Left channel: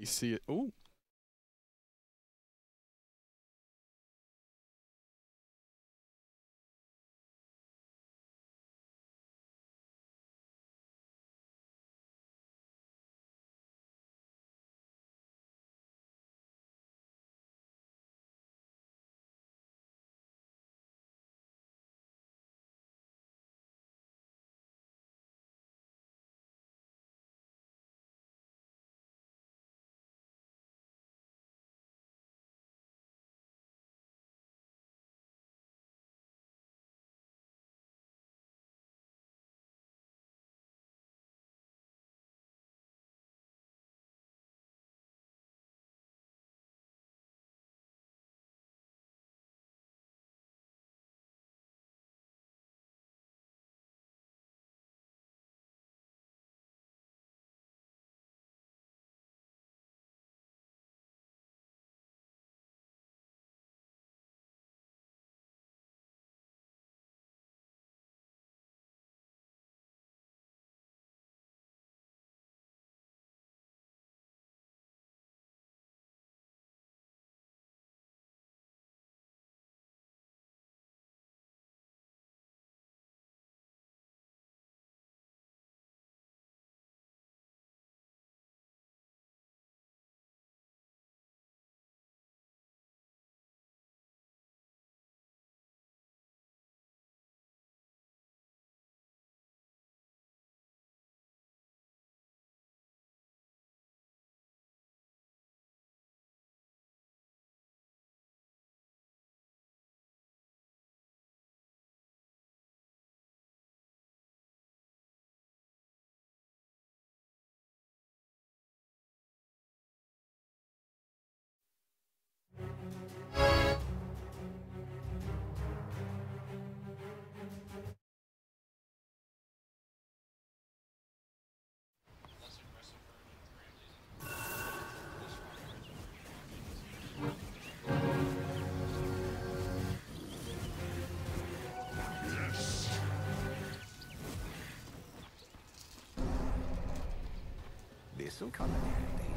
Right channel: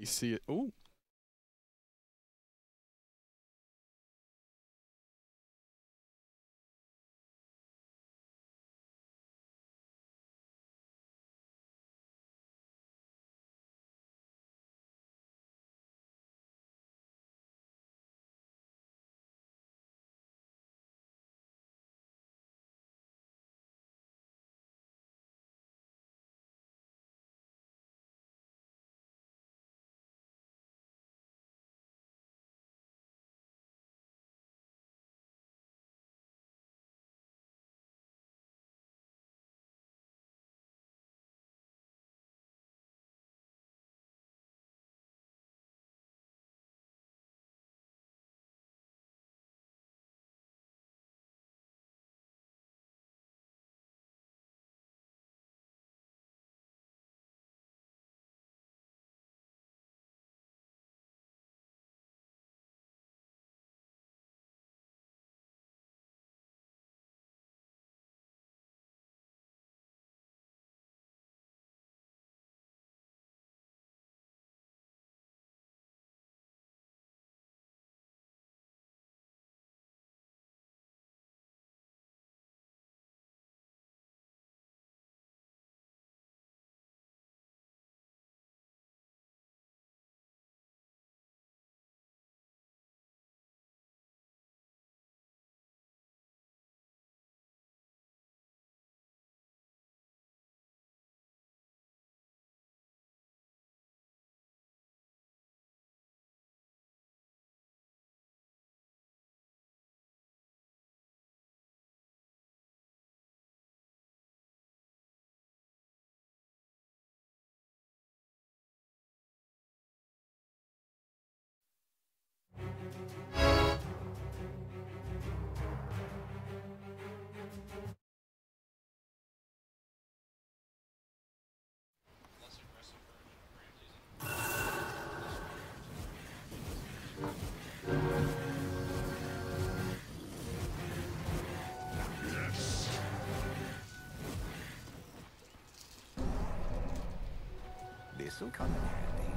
You see it. Oh, This'll come in handy.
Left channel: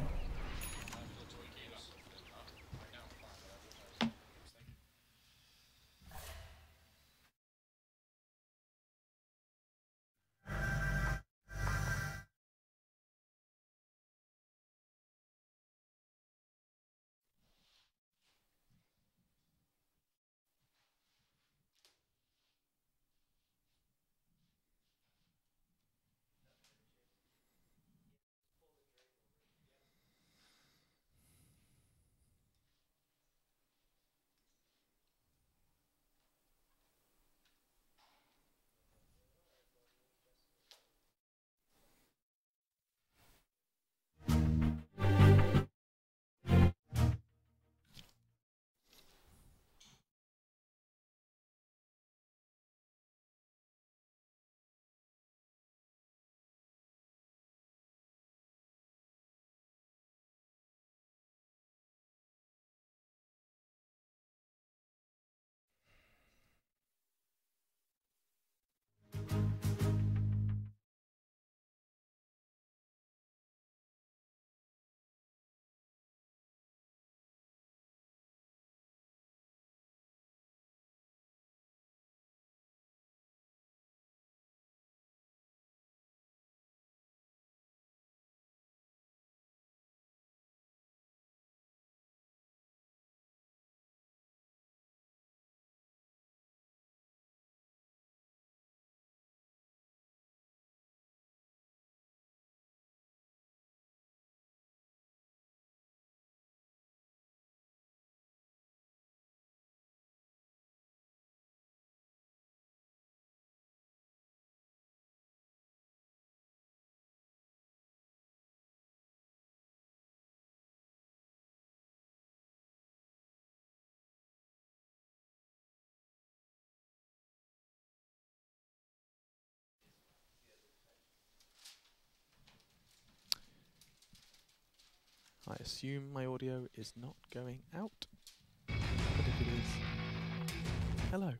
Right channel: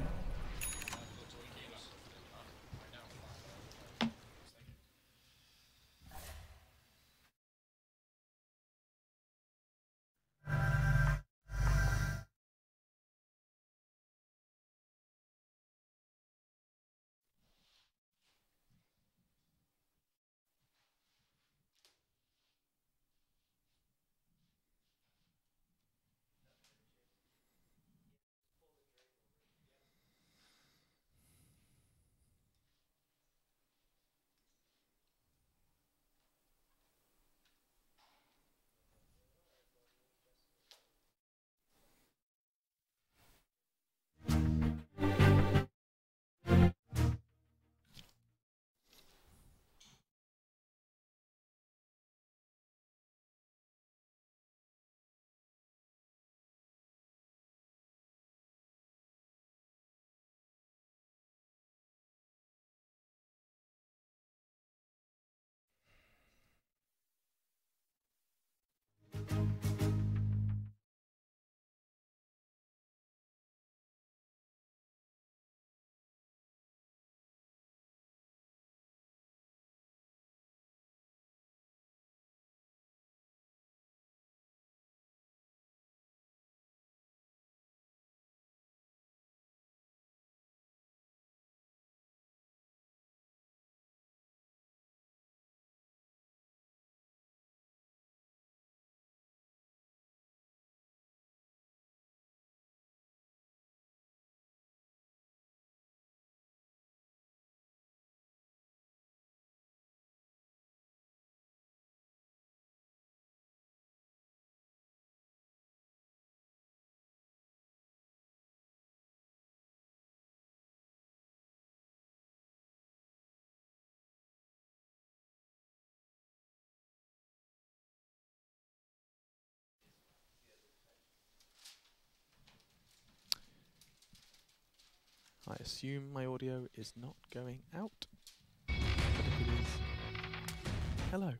I assume my audio is not going out, but if it is, hello.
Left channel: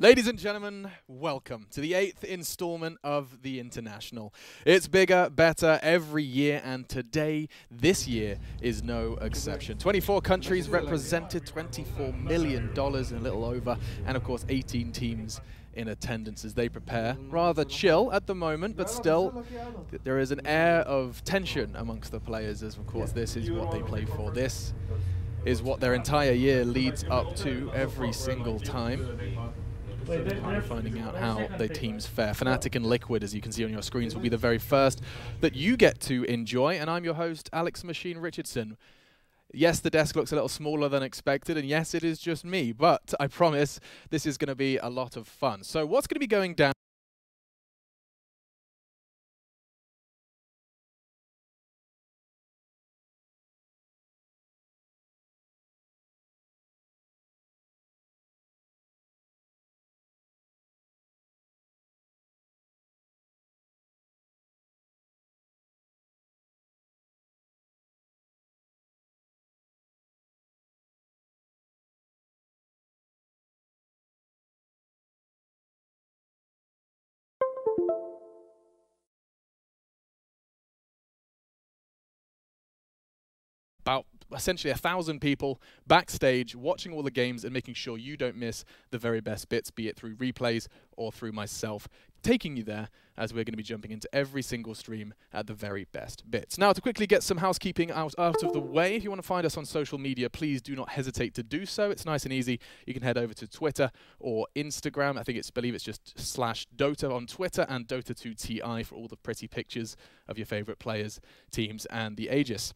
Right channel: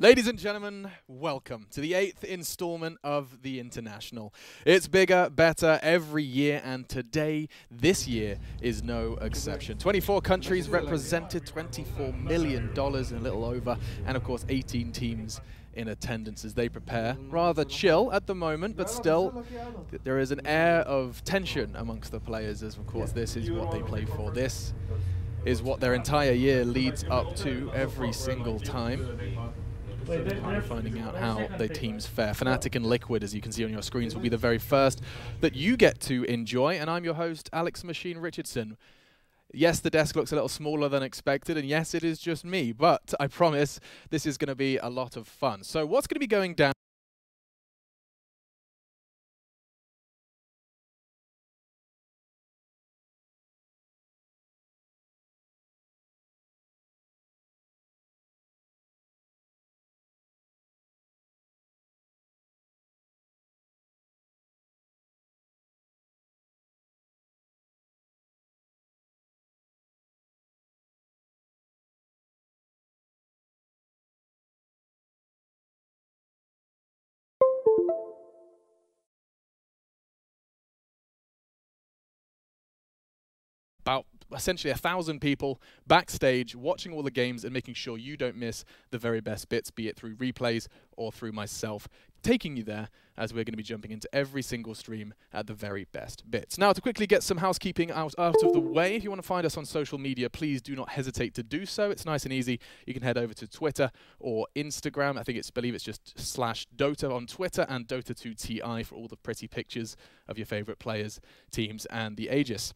Ladies and gentlemen, welcome to the 8th installment of the International. It's bigger, better every year, and this year, is no exception. 24 countries represented, $24 million and a little over, and of course 18 teams in attendance as they prepare. Rather chill at the moment, but still there is an air of tension amongst the players, as of course this is what they play for. This is what their entire year leads up to every single time. Finding out how the teams fare. Fnatic and Liquid, as you can see on your screens, will be the very first that you get to enjoy, and I'm your host, Alex Machine Richardson. Yes, the desk looks a little smaller than expected, and yes, it is just me, but I promise this is going to be a lot of fun. So what's going to be going down? About essentially 1,000 people backstage watching all the games and making sure you don't miss the very best bits, be it through replays or through myself taking you there, as we're going to be jumping into every single stream at the very best bits. Now, to quickly get some housekeeping out of the way, if you want to find us on social media, please do not hesitate to do so. It's nice and easy. You can head over to Twitter or Instagram. I believe it's just /Dota on Twitter, and Dota2TI for all the pretty pictures of your favorite players, teams, and the Aegis.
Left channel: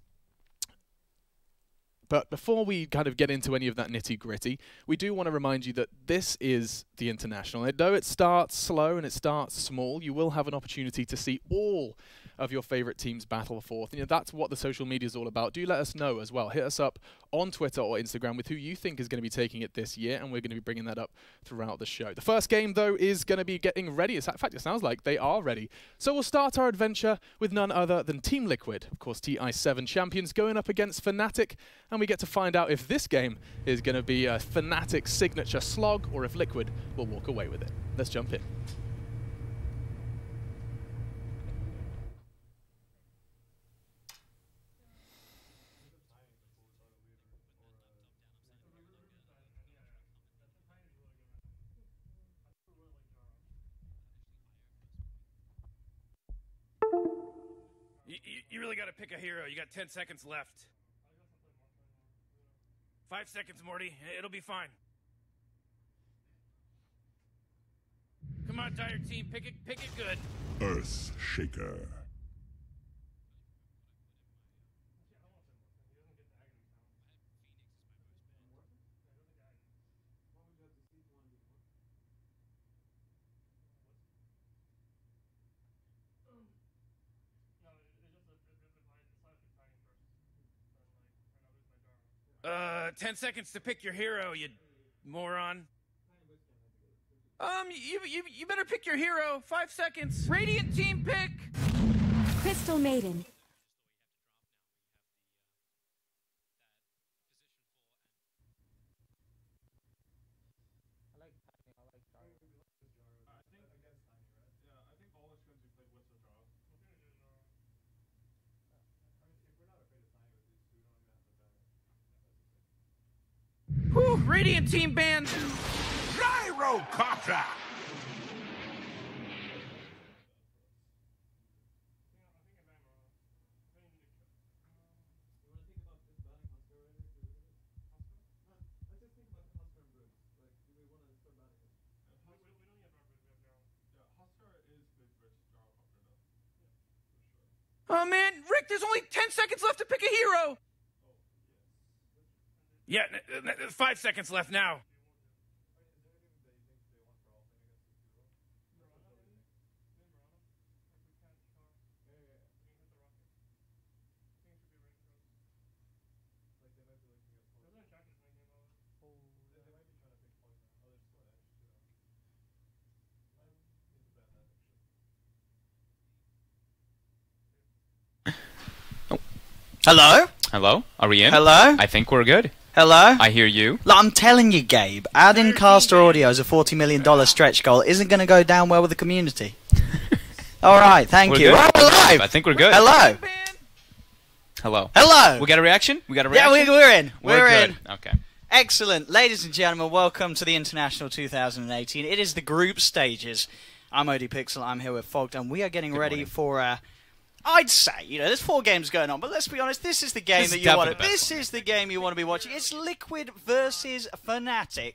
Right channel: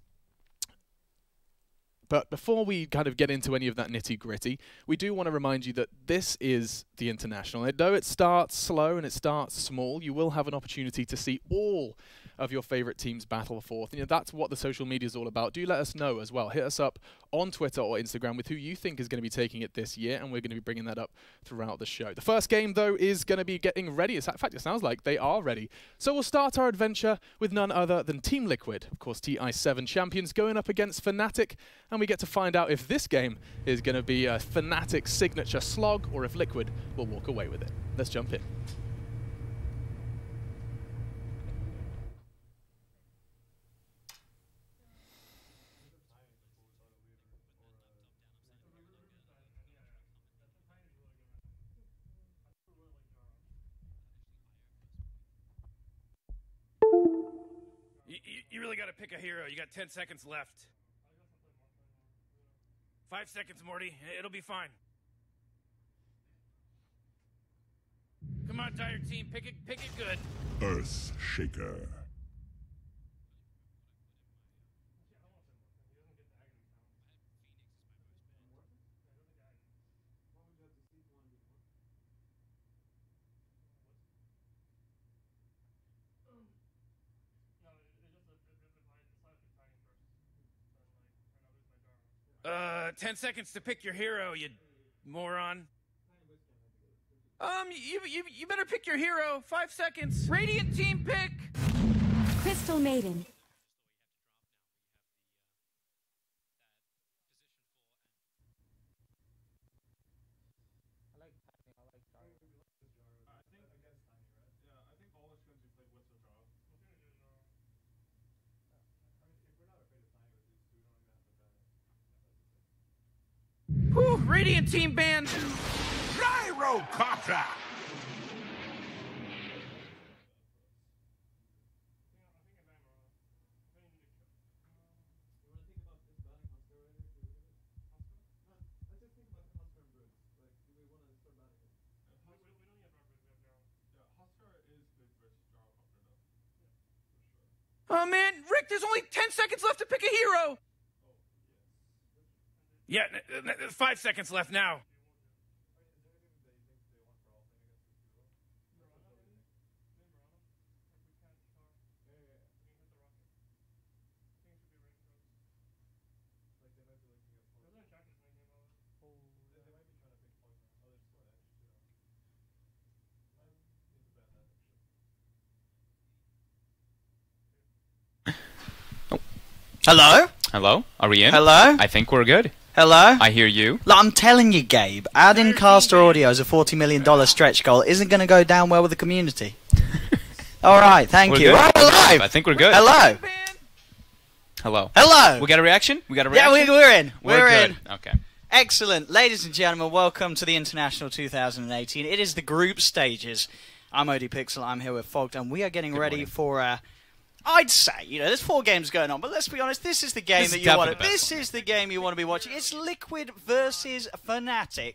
But before we kind of get into any of that nitty-gritty, we do want to remind you that this is the International. And though it starts slow and it starts small, you will have an opportunity to see all of your favorite teams battle forth. And that's what the social media is all about. Do let us know as well. Hit us up on Twitter or Instagram with who you think is going to be taking it this year, and we're going to be bringing that up throughout the show. The first game, though, is going to be getting ready. In fact, it sounds like they are ready. So we'll start our adventure with none other than Team Liquid, of course, TI7 champions, going up against Fnatic, and we get to find out if this game is going to be a Fnatic signature slog or if Liquid will walk away with it. Let's jump in. You really got to pick a hero. You got 10 seconds left. 5 seconds, Morty. It'll be fine. Come on, Dire Team. Pick it good. Earth Shaker. Uh, 10 seconds to pick your hero, you moron. You better pick your hero. 5 seconds. Radiant Team pick. Crystal Maiden. Whew, Radiant Team banned. Gyrocopter. Oh man, Rick, there's only 10 seconds left to pick a hero. Yeah, 5 seconds left now. Hello? Hello? Are we in? Hello? I think we're good. Hello? I hear you. Look, I'm telling you, Gabe, adding caster audio as a $40 million stretch goal isn't going to go down well with the community. Alright, thank you. Good. Oh, we're live! I think we're good. Hello! Hello. Hello! We got a reaction? Yeah, we're in. We're in. Good. Okay. Excellent. Ladies and gentlemen, welcome to the International 2018. It is the group stages. I'm OD Pixel, I'm here with Fogged, and we are getting ready for, I'd say, there's 4 games going on, but let's be honest, this is the game that you want to... This is the game you want to be watching. It's Liquid versus Fnatic.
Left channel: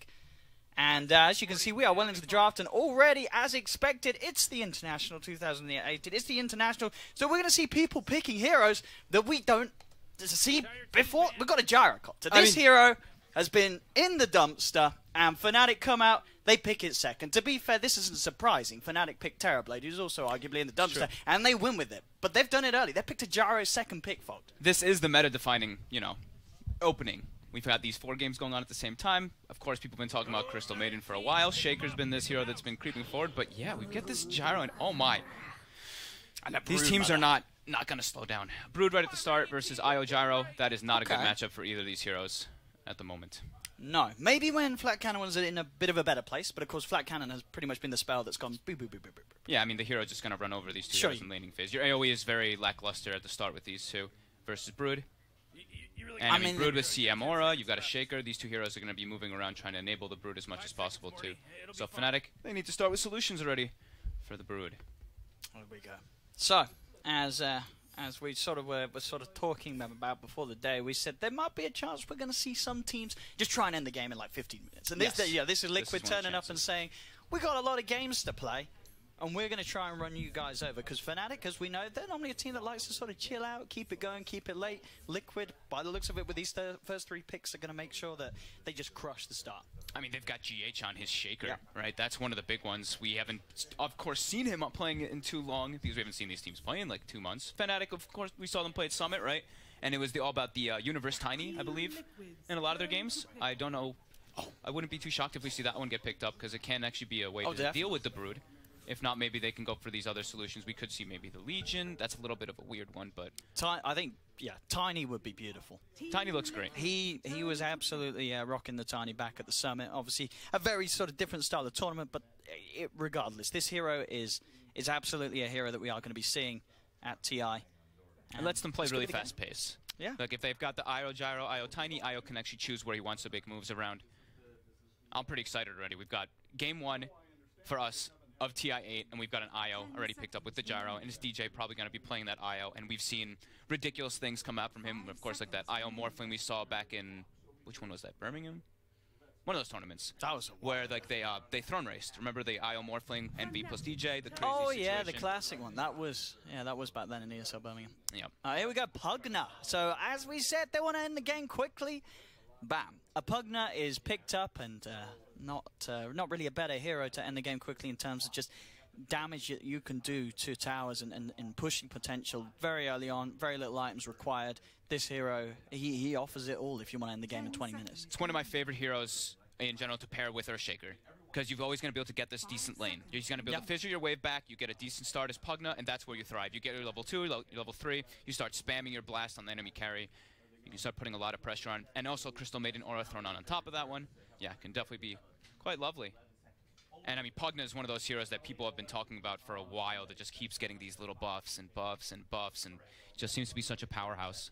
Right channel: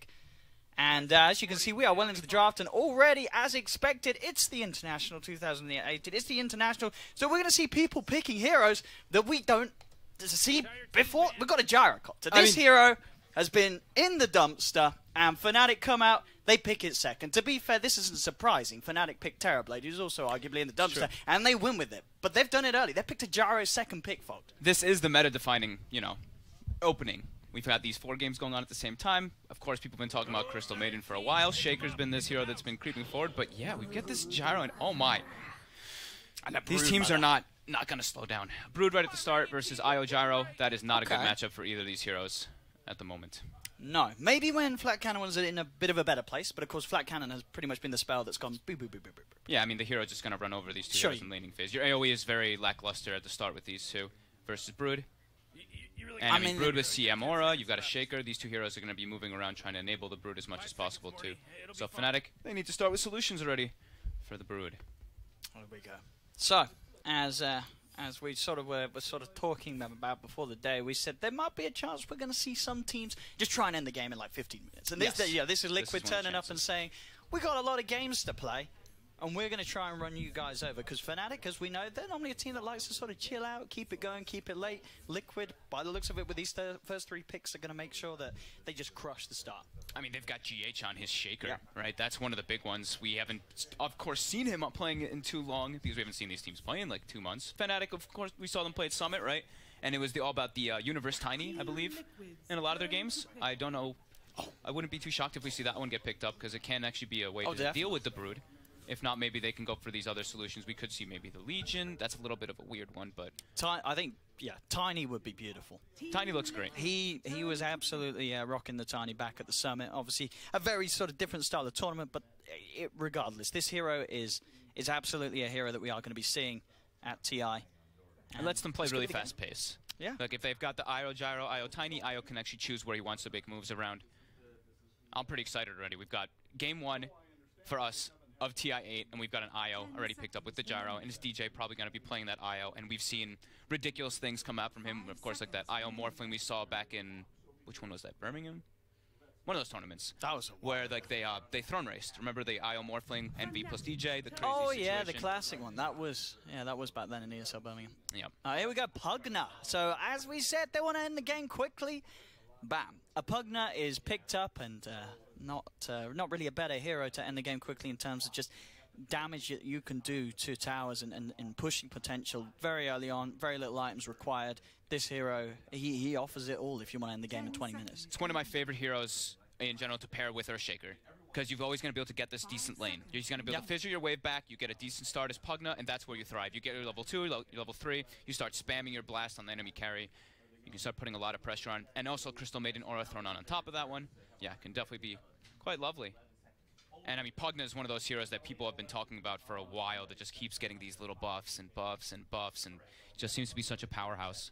And as you can see, we are well into the draft, and already, as expected, it's the International 2018. It's the International, so we're going to see people picking heroes that we don't see before. We've got a gyrocopter. This hero has been in the dumpster, and Fnatic come out, they pick it second. To be fair, this isn't surprising. Fnatic picked Terrorblade, who's also arguably in the dumpster, and they win with it. But they've done it early. They picked a Gyro second pick, Fogged. This is the meta-defining, opening. We've had these 4 games going on at the same time. Of course, people have been talking about Crystal Maiden for a while. Shaker's been this hero that's been creeping forward. But yeah, we get this Gyro, and oh my. These teams are not going to slow down. Brood right at the start versus IO Gyro. That is not a good matchup for either of these heroes at the moment. No. Maybe when Flat Cannon was in a bit of a better place, but of course Flat Cannon has pretty much been the spell that's gone boop, boop, boop, boop, boop. Yeah, I mean, the hero's just going to run over these 2 heroes in laning phase. Your AoE is very lackluster at the start with these 2 versus Brood. And I mean, Brood with CM Aura, you've got a Shaker. These 2 heroes are going to be moving around trying to enable the Brood as much as possible too. So Fnatic, they need to start with solutions already for the Brood. There we go. So, as we were talking about before the day, we said there might be a chance we're going to see some teams just try and end the game in like 15 minutes. And this is Liquid turning up and saying, we got a lot of games to play, and we're going to try and run you guys over. Because Fnatic, as we know, they're normally a team that likes to sort of chill out, keep it going, keep it late. Liquid, by the looks of it, with these first 3 picks, are going to make sure that they just crush the start. I mean, they've got GH on his Shaker, right? That's one of the big ones. We haven't, of course, seen him up playing it in too long, because we haven't seen these teams play in like 2 months. Fnatic, of course, we saw them play at Summit, right? And it was all about the Universe Tiny, I believe, in a lot of their games. I don't know. I wouldn't be too shocked if we see that one get picked up, because it can actually be a way to deal with the Brood. If not, maybe they can go for these other solutions. We could see maybe the Legion. That's a little bit of a weird one, but... I think, Tiny would be beautiful. Tiny looks great. He was absolutely rocking the Tiny back at the Summit. Obviously, a very sort of different style of tournament, but regardless, this hero is absolutely a hero that we are going to be seeing at TI. And lets them play really fast pace. Yeah. Like, if they've got the IO Gyro, IO Tiny, IO can actually choose where he wants to make moves around. I'm pretty excited already. We've got game 1 for us of TI8, and we've got an IO already picked up with the Gyro, and his DJ probably going to be playing that IO, and we've seen ridiculous things come out from him, of course, like that IO Morphling we saw back in, which one was that, Birmingham? One of those tournaments. That was where like they throne raced. Remember the IO Morphling, NV plus DJ, the crazy situation. Yeah, the classic one. That was back then in ESL Birmingham. Yeah. Here we go, Pugna. So as we said, they want to end the game quickly. Bam. A Pugna is picked up, and not really a better hero to end the game quickly in terms of just damage that you can do to towers and pushing potential very early on. Very little items required. This hero, he offers it all if you want to end the game in 20 minutes. It's one of my favorite heroes in general to pair with our Shaker, because you're always going to be able to get this decent lane. You're just going to be able to fissure your wave back, you get a decent start as Pugna, and that's where you thrive. You get your level 2, your level 3, you start spamming your blast on the enemy carry. You can start putting a lot of pressure on, and also Crystal Maiden Aura thrown on top of that one. Yeah, can definitely be quite lovely. And I mean, Pugna is one of those heroes that people have been talking about for a while that just keeps getting these little buffs and buffs and buffs, and just seems to be such a powerhouse.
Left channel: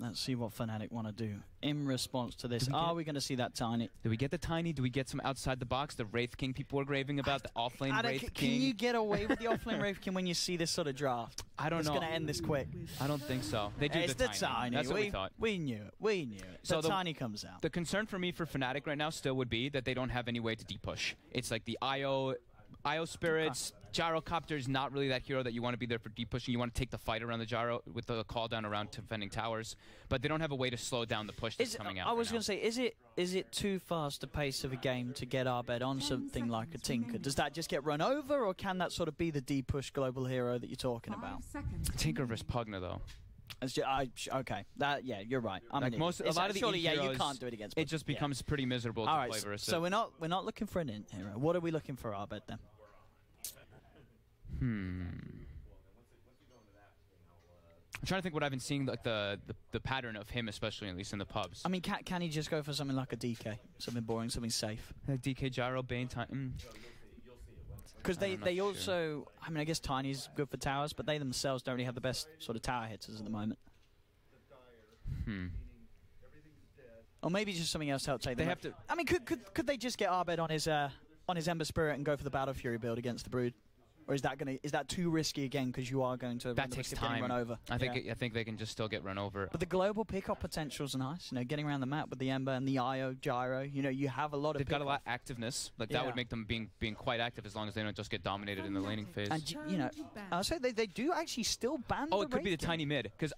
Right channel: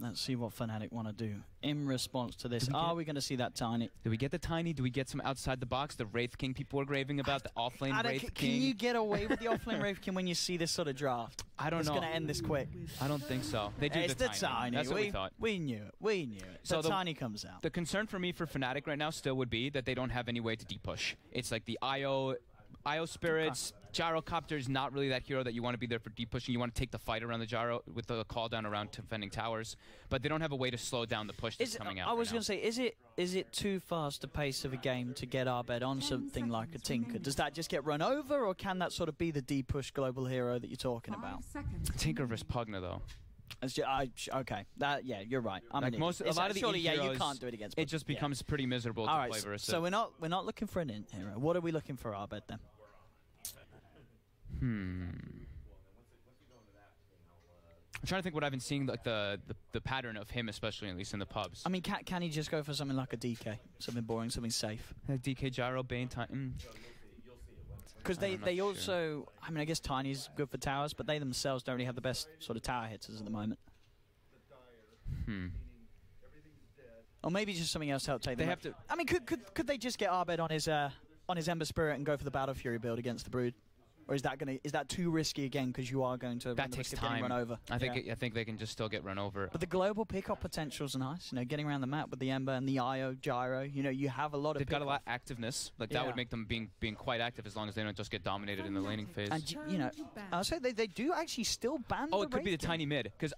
Let's see what Fnatic want to do in response to this. Are we going to see that Tiny? Do we get the Tiny? Do we get some outside the box? The Wraith King people are raving about, the offlane Wraith King. Can you get away with the offlane Wraith King when you see this sort of draft? I don't know. It's going to end this quick. I don't think so. They do it's the Tiny. That's what we thought. We knew it. We knew it. So the Tiny comes out. The concern for me for Fnatic right now still would be that they don't have any way to deep push. It's like the IO Spirits, Gyrocopter is not really that hero that you want to be there for deep pushing. You want to take the fight around the Gyro with the call down around defending towers, but they don't have a way to slow down the push that's coming out. I was going to say, is it too fast a pace of a game to get our bed on something like a Tinker? Does that just get run over, or can that sort of be the deep push global hero that you're talking about? Tinker versus Pugna, though. Okay, you're right. A lot of the heroes, you can't do it against. It just becomes pretty miserable to play versus. So we're not looking for an int hero. What are we looking for our bed then? I'm trying to think what I've been seeing, like the pattern of him, especially at least in the pubs. I mean, can he just go for something like a DK, something boring, something safe? DK Gyro, Bane, Titan. Because they also, I mean, I guess Tiny's good for towers, but they themselves don't really have the best sort of tower hitters at the moment. Or maybe just something else to help take them. They have to. I mean, could they just get Arbed on his Ember Spirit and go for the Battle Fury build against the Brood? Or is that too risky again? Because you are going to that takes time. Run over. I think they can just still get run over. But the global pickup potential is nice. You know, getting around the map with the Ember and the IO gyro. You know, you have a lot of. They've got a lot of activeness. Like that would make them being quite active as long as they don't just get dominated in the laning phase. And you know, I'll say they do actually still ban. Oh, it could be the tiny mid. Because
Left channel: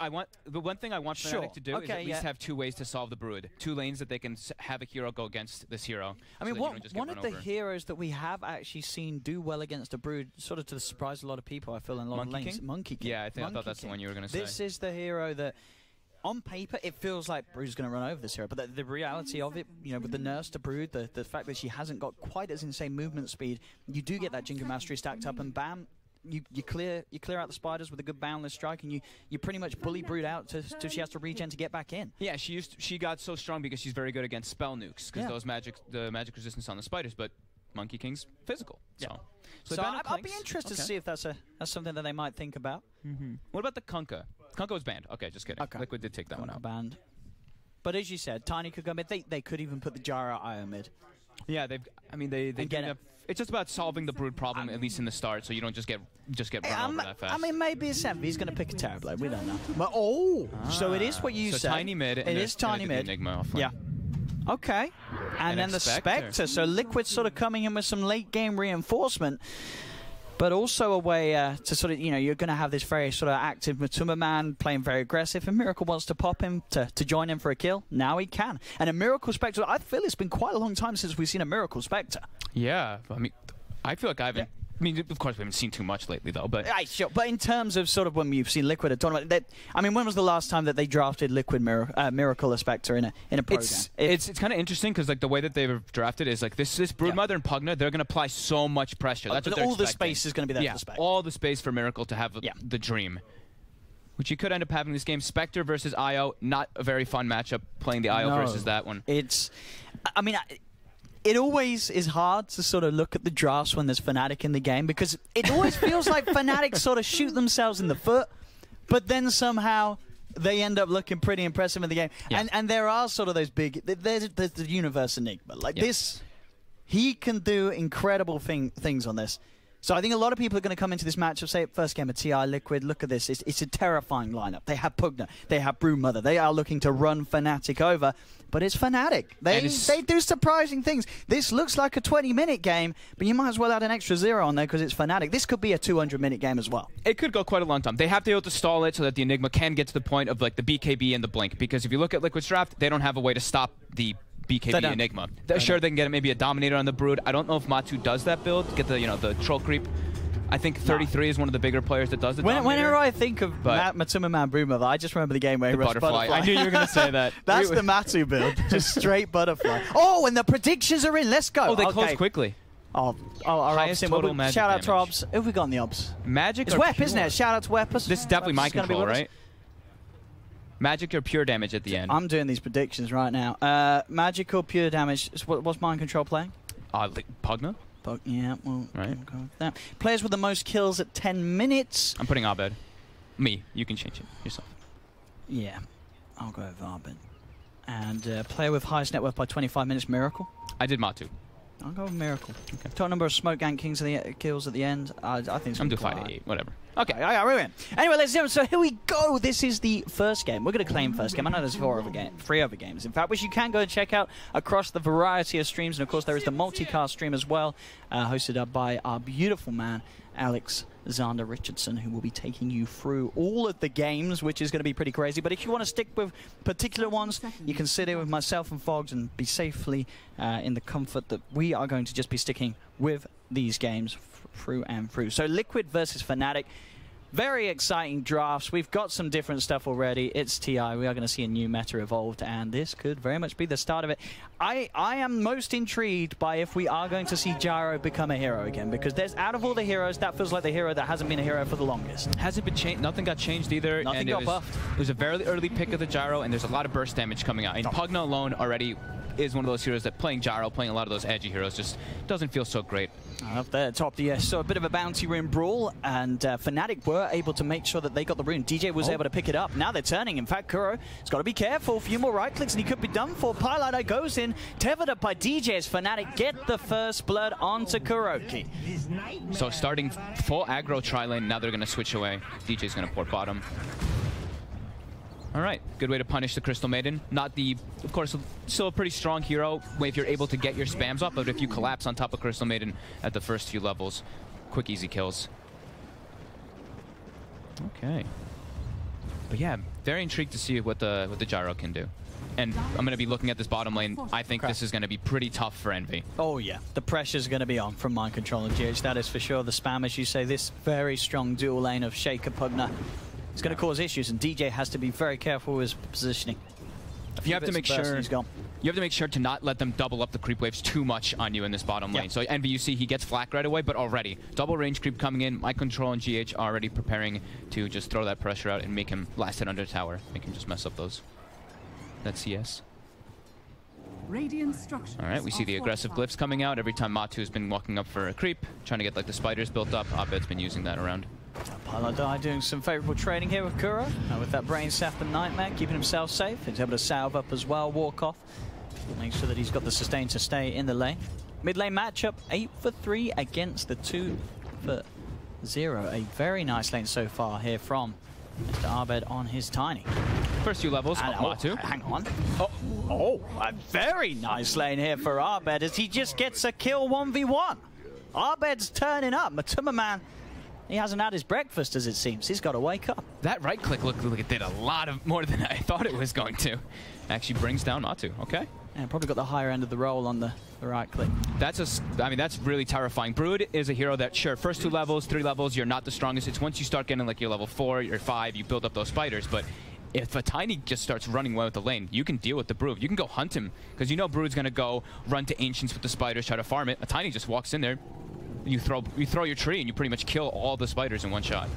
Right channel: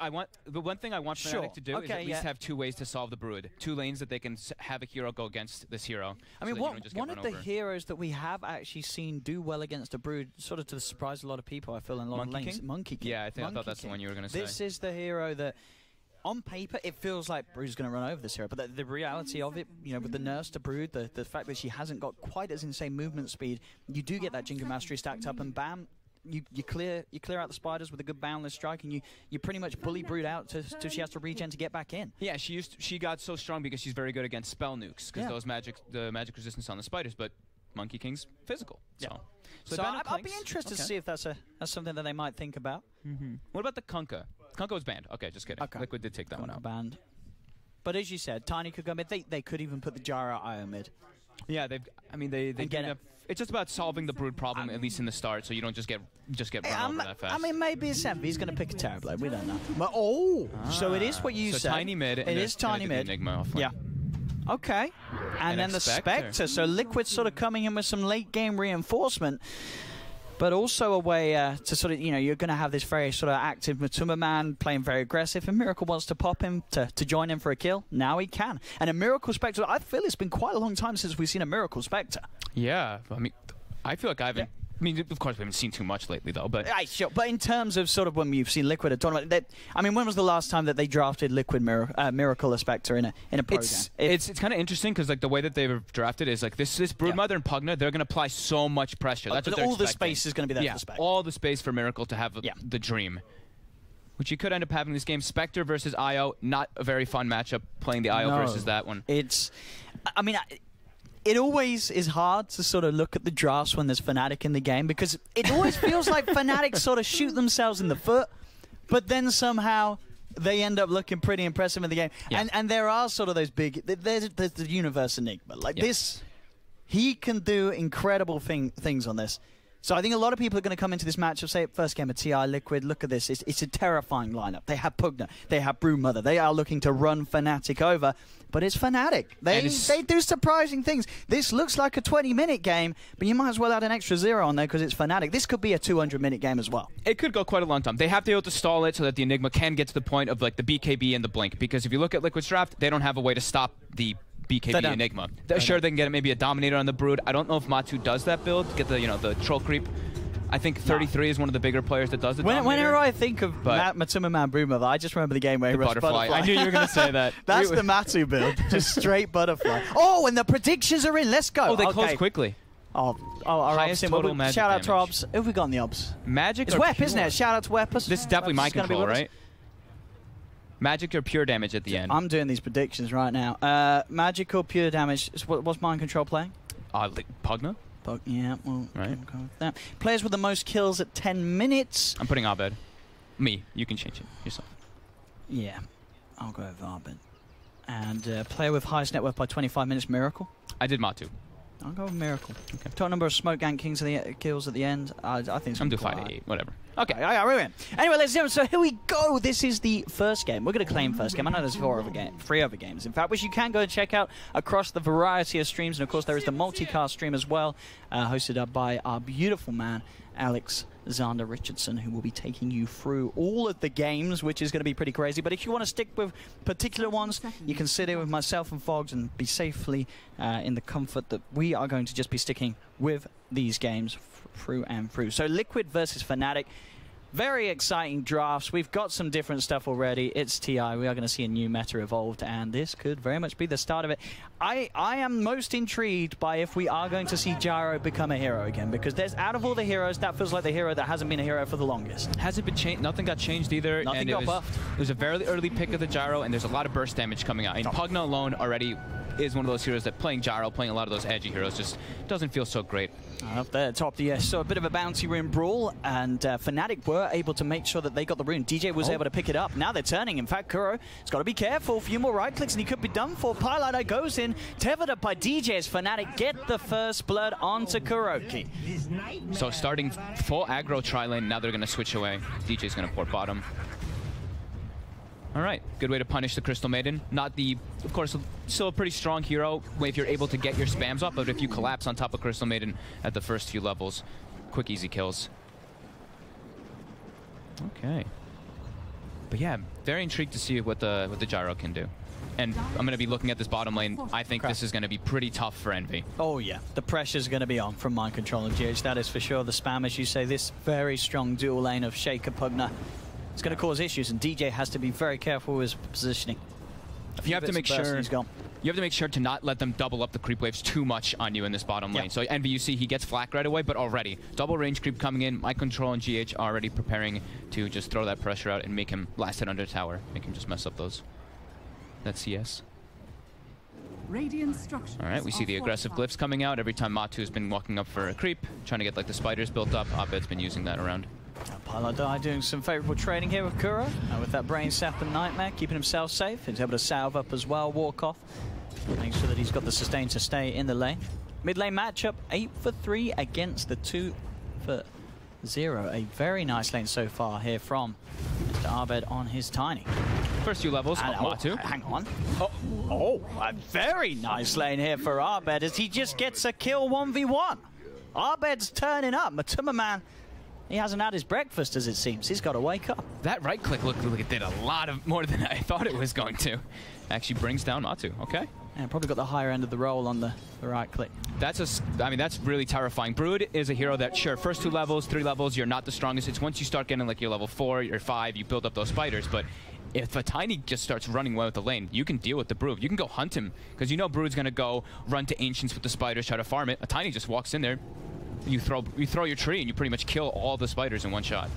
the one thing I want Fnatic to do is at least have 2 ways to solve the Brood. 2 lanes that they can have a hero go against this hero. I mean, one of the heroes that we have actually seen do well against the Brood, sort of to surprise a lot of people, I feel, in a lot of lanes. Monkey King. Yeah, I thought that's the one you were going to say. This is the hero that, on paper, it feels like Brood's going to run over this hero, but the reality of it, you know, with the nurse to Brood, the fact that she hasn't got quite as insane movement speed, you do get that Jingle Mastery stacked up, and bam, you clear out the spiders with a good boundless strike, and you pretty much bully Brood out till she has to regen to get back in. Yeah, she got so strong because she's very good against spell nukes, because the magic resistance on the spiders, but Monkey King's physical. So I'll be interested to see if that's something that they might think about. What about the Kunkka? Kunkka was banned. Okay, just kidding. Okay. Liquid did take that one out. Banned. But as you said, Tiny could go mid. They could even put the Gyro IO mid. Yeah, they get it. It's just about solving the Brood problem, at least in the start, so you don't just get run over that fast. I mean, maybe it's Envy. He's going to pick a Terrorblade. We don't know. But so it is what you said. Tiny mid. It is tiny mid. Enigma yeah. Okay. And then the Spectre. So Liquid sort of coming in with some late game reinforcement, but also a way to sort of, you know, you're going to have this very sort of active Matuma man playing very aggressive, and Miracle wants to pop him to join him for a kill. Now he can. And a Miracle Spectre, I feel it's been quite a long time since we've seen a Miracle Spectre. Yeah. I mean, I feel like I haven't. I mean, of course, we haven't seen too much lately, though. But sure. But in terms of sort of when you've seen Liquid at tournament, I mean, when was the last time that they drafted Liquid Miracle or Spectre in a program? It's kind of interesting because like the way that they were drafted is like this Broodmother and Pugna, they're going to apply so much pressure. That's what they're all the space is going to be there for the Spectre. All the space for Miracle to have the dream. Which you could end up having this game. Spectre versus IO, not a very fun matchup playing the IO versus that one. I mean, it always is hard to sort of look at the drafts when there's Fnatic in the game, because it always feels like Fnatic sort of shoot themselves in the foot, but then somehow they end up looking pretty impressive in the game. Yeah. And there are sort of those big... There's the Universe Enigma. Like this, he can do incredible things on this. So I think a lot of people are going to come into this matchup, say, first game of TI, Liquid, look at this. It's a terrifying lineup. They have Pugna, they have Broodmother. They are looking to run Fnatic over, but it's Fnatic. They do surprising things. This looks like a 20-minute game, but you might as well add an extra 0 on there because it's Fnatic. This could be a 200-minute game as well. It could go quite a long time. They have to be able to stall it so that the Enigma can get to the point of like the BKB and the Blink, because if you look at Liquid's draft, they don't have a way to stop the BKB Enigma. Sure, they can get maybe a Dominator on the Brood. I don't know if Matu does that build, get the the troll creep. I think 33 is one of the bigger players that does it. Whenever I think of Matuma Man Broodmother, I just remember the game where he runs Butterfly. I knew you were going to say that. That's the Matu build, just straight Butterfly. Oh, and the predictions are in. Let's go. Oh, they closed quickly. All right. Shout out to Obs. Who have we got in the Obs? Magic. It's Wep, isn't it? Shout out to Weppers. This is definitely my control, right? Magic or pure damage at the end? I'm doing these predictions right now. Magic or pure damage. What's Mind Control playing? Pugna. Yeah, well, right. That. Players with the most kills at 10 minutes. I'm putting Abed. Me. You can change it yourself. Yeah, I'll go with Abed. And player with highest net worth by 25 minutes, Miracle. I did Matu. I'll go with Miracle. Okay. Total number of Smoke Gang Kings kills at the end. I think it's I'm doing 5 to 8, whatever. Okay, anyway, let's do it. So here we go. This is the first game. We're going to claim first game. I know there's 3 other games, in fact, which you can go and check out across the variety of streams. And, of course, there is the multicast stream as well, hosted up by our beautiful man, Alexander Richardson, who will be taking you through all of the games, which is going to be pretty crazy. But if you want to stick with particular ones, you can sit in with myself and Fogs and be safely in the comfort that we are going to just be sticking with these games through and through. So Liquid versus Fnatic. Very exciting drafts. We've got some different stuff already. It's TI. We are going to see a new meta evolved, and this could very much be the start of it. I am most intrigued by if we are going to see Gyro become a hero again, because there's, out of all the heroes, that feels like the hero that hasn't been a hero for the longest. Hasn't been changed. Nothing got changed either. Nothing and got buffed. It was a very early pick of the Gyro, and there's a lot of burst damage coming out. And Pugna alone already is one of those heroes that playing Gyro, playing a lot of those edgy heroes, just doesn't feel so great. Up there at top, yes. So a bit of a bounty rune brawl, and Fnatic were able to make sure that they got the rune. DJ was able to pick it up. Now they're turning. In fact, Kuro has got to be careful. A few more right clicks and he could be done for. Piloter goes in, tethered up by DJ as Fnatic get the first blood onto Kuroki. So starting full aggro tri-lane, now they're going to switch away. DJ's going to port bottom. All right, good way to punish the Crystal Maiden. Not the, of course, still a pretty strong hero if you're able to get your spams off, but if you collapse on top of Crystal Maiden at the first few levels, quick, easy kills. Okay. But yeah, very intrigued to see what the Gyro can do. And I'm going to be looking at this bottom lane. I think this is going to be pretty tough for Envy. Oh yeah, the pressure's going to be on from Mind Control and GH, that is for sure. The spam, as you say, this very strong dual lane of Shaker Pugna. It's going to cause issues, and DJ has to be very careful with his positioning. You have to make sure he's gone. You have to make sure to not let them double up the creep waves too much on you in this bottom lane. So Envy, you see he gets flak right away, but already double range creep coming in. Mind Control and GH already preparing to just throw that pressure out and make him last hit under tower. Make him just mess up that CS. All right, we see the aggressive glyphs coming out every time Matu has been walking up for a creep, trying to get like the spiders built up. Abed's been using that around. Piloter doing some favourable trading here with Kuro, with that Brain Sap and Nightmare, keeping himself safe. He's able to salve up as well, walk off, make sure that he's got the sustain to stay in the lane. Mid lane matchup, 8 for 3 against the 2 for 0. A very nice lane so far here from Mr. Abed on his Tiny. First few levels, Matu. Hang on. A very nice lane here for Abed as he just gets a kill 1v1. Abed's turning up. Matuma Man, he hasn't had his breakfast, as it seems. He's got to wake up. That right click looked like it did a lot of more than I thought it was going to. Actually brings down Matu. Okay. Yeah, probably got the higher end of the roll on the right click. That's that's really terrifying. Brood is a hero that, sure, first 2 levels, 3 levels, you're not the strongest. It's once you start getting like your level 4, your 5, you build up those spiders. But if a Tiny just starts running well with the lane, you can deal with the Brood. You can go hunt him, because you know Brood's going to go run to Ancients with the spiders, try to farm it. A Tiny just walks in there. You throw your tree and you pretty much kill all the spiders in one shot.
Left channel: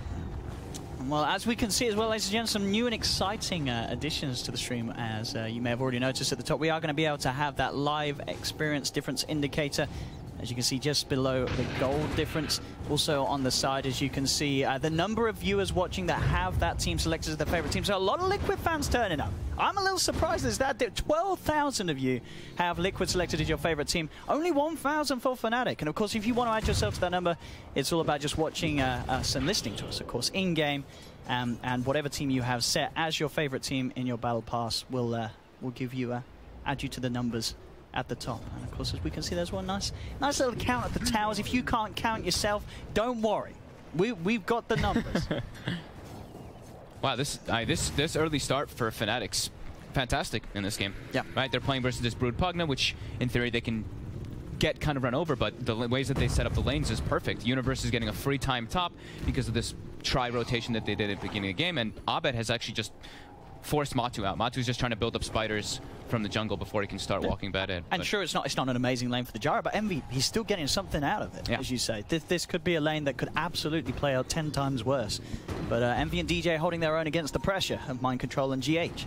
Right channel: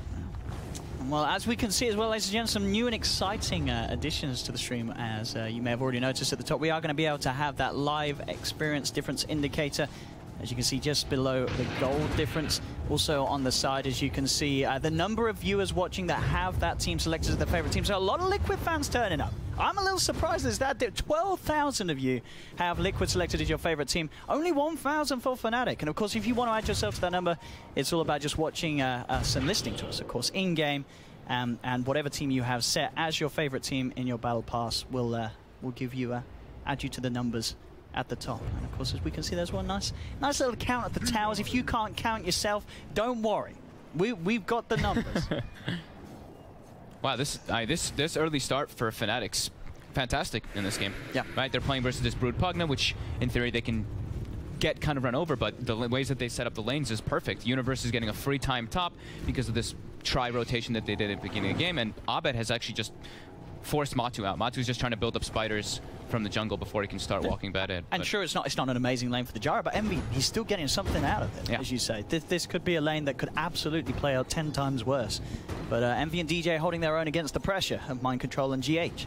Well, as we can see as well, ladies and gentlemen, some new and exciting additions to the stream. As you may have already noticed at the top, we are going to be able to have that live experience difference indicator. As you can see just below the gold difference. Also on the side, as you can see, the number of viewers watching that have that team selected as their favorite team. So a lot of Liquid fans turning up. I'm a little surprised there's that. 12,000 of you have Liquid selected as your favorite team. Only 1,000 for Fnatic. And of course, if you want to add yourself to that number, it's all about just watching us and listening to us, of course, in-game. And whatever team you have set as your favorite team in your battle pass will give you, add you to the numbers at the top. And of course, as we can see, there's one nice little count at the towers. If you can't count yourself, don't worry. We've got the numbers. Wow, this early start for Fnatic's fantastic in this game. Yeah. Right, they're playing versus this Brood Pugna, which in theory they can get kind of run over, but the ways that they set up the lanes is perfect. Universe is getting a free time top because of this tri-rotation that they did at the beginning of the game, and Abed has actually just forced Matu out. Matu's just trying to build up spiders from the jungle before he can start walking bad in. And sure, it's not an amazing lane for the Gyro, but Envy, he's still getting something out of it, as you say. This could be a lane that could absolutely play out 10 times worse. But Envy and DJ holding their own against the pressure of Mind Control and GH.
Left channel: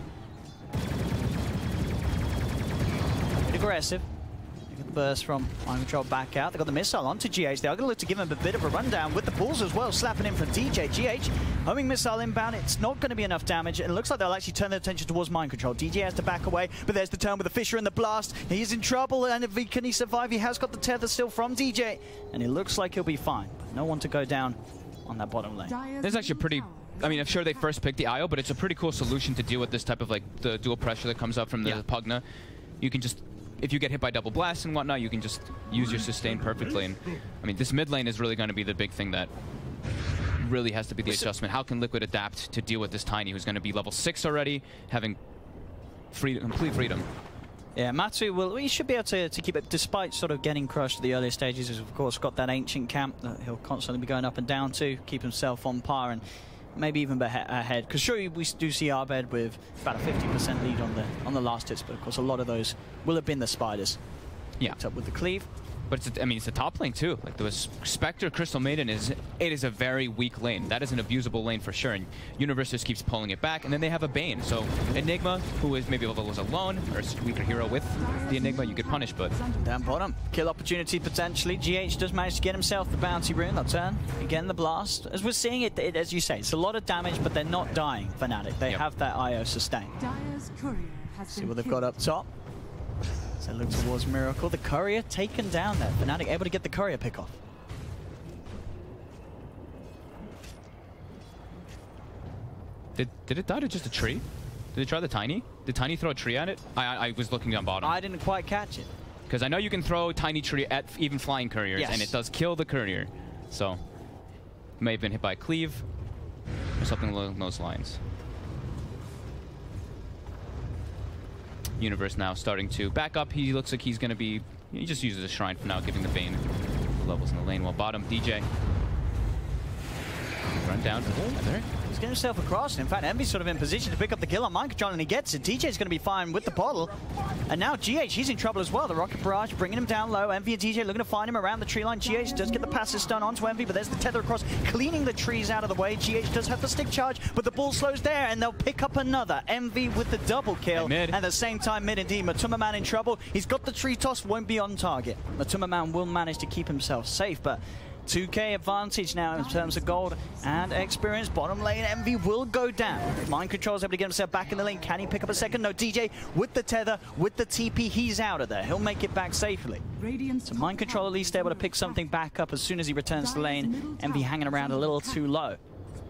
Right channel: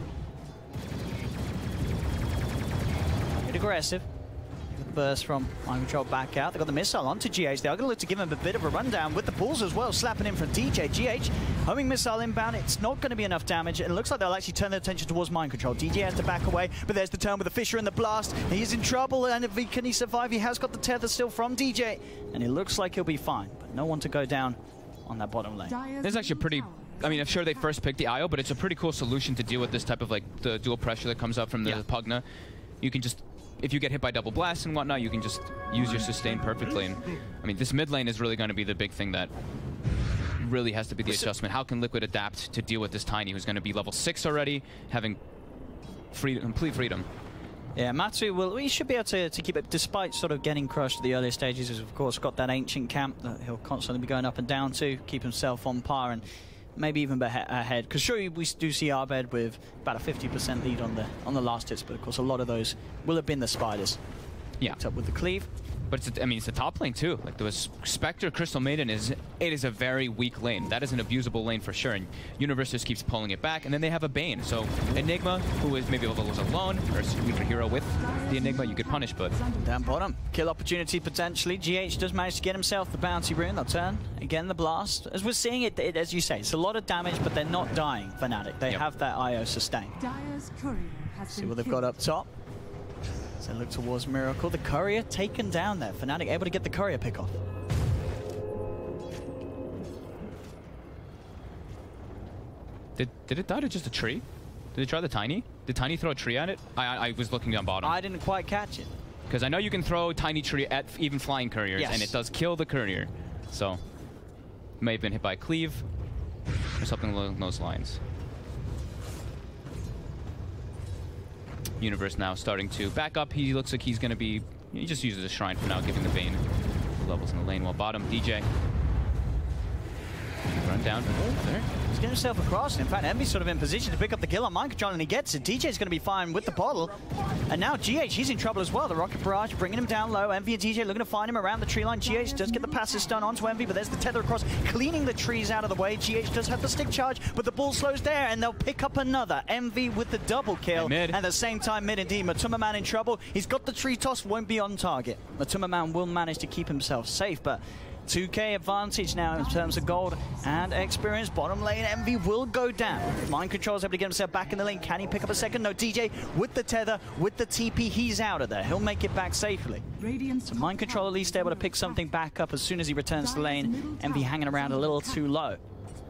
Aggressive. Burst from Mind Control back out. They got the missile onto GH. They are going to look to give him a bit of a rundown with the balls as well, slapping in from DJ. GH homing missile inbound. It's not going to be enough damage. It looks like they'll actually turn their attention towards Mind Control. DJ has to back away, but there's the turn with the Fissure and the blast. He's in trouble, and can he survive? He has got the tether still from DJ, and it looks like he'll be fine. But no one to go down on that bottom lane. This is actually pretty. I mean, I'm sure they first picked the IO, but it's a pretty cool solution to deal with this type of like the dual pressure that comes up from the Pugna. You can just, if you get hit by double blasts and whatnot, you can just use your sustain perfectly. And I mean, this mid lane is really going to be the big thing that really has to be the adjustment. How can Liquid adapt to deal with this Tiny, who's going to be level 6 already, having complete freedom? Yeah, Matu he should be able to keep it, despite sort of getting crushed at the earlier stages. He's of course got that ancient camp that he'll constantly be going up and down to, keep himself on par and maybe even ahead. Because sure, we do see Abed with about a 50% lead on the last hits, but of course a lot of those will have been the Spiders. Yeah. Up with the cleave. But it's a top lane too. Like the Spectre Crystal Maiden is a very weak lane. That is an abusable lane for sure. And Universe just keeps pulling it back, and then they have a Bane. So Enigma, who is maybe was alone, or a weaker hero with the Enigma, you could punish. But down bottom, kill opportunity potentially. GH does manage to get himself the bounty rune. They'll turn again the blast. As we're seeing it, as you say, it's a lot of damage, but they're not dying. Fnatic, they have that IO sustain. See what they've got up top. So look towards Miracle. The courier taken down there. Fnatic able to get the courier pick off. Did it die to just a tree? Did it try the Tiny? Did Tiny throw a tree at it? I was looking down bottom. I didn't quite catch it. Because I know you can throw a Tiny tree at even flying couriers, yes, and it does kill the courier. So, may have been hit by a cleave, or something along those lines. Universe now starting to back up. He looks like he's going to be... He just uses a Shrine for now, giving the Bane the levels in the lane. While bottom, DJ. Run down. Oh, there. He's getting himself across. In fact, Envy's sort of in position to pick up the kill on Mind Control, and he gets it. DJ's going to be fine with the bottle. And now GH, he's in trouble as well. The Rocket Barrage bringing him down low. Envy and DJ looking to find him around the tree line. GH does get the passive stun onto Envy, but there's the tether across, cleaning the trees out of the way. GH does have the stick charge, but the ball slows there, and they'll pick up another. Envy with the double kill. And at the same time, mid indeed. Matuma Man in trouble. He's got the tree toss, won't be on target. Matuma Man will manage to keep himself safe, but 2k advantage now in terms of gold and experience. Bottom lane, Envy will go down. Mind Control's able to get himself back in the lane. Can he pick up a second? No, DJ with the tether, with the TP, he's out of there. He'll make it back safely. So Mind Control at least able to pick something back up as soon as he returns to the lane. Envy hanging around a little too low.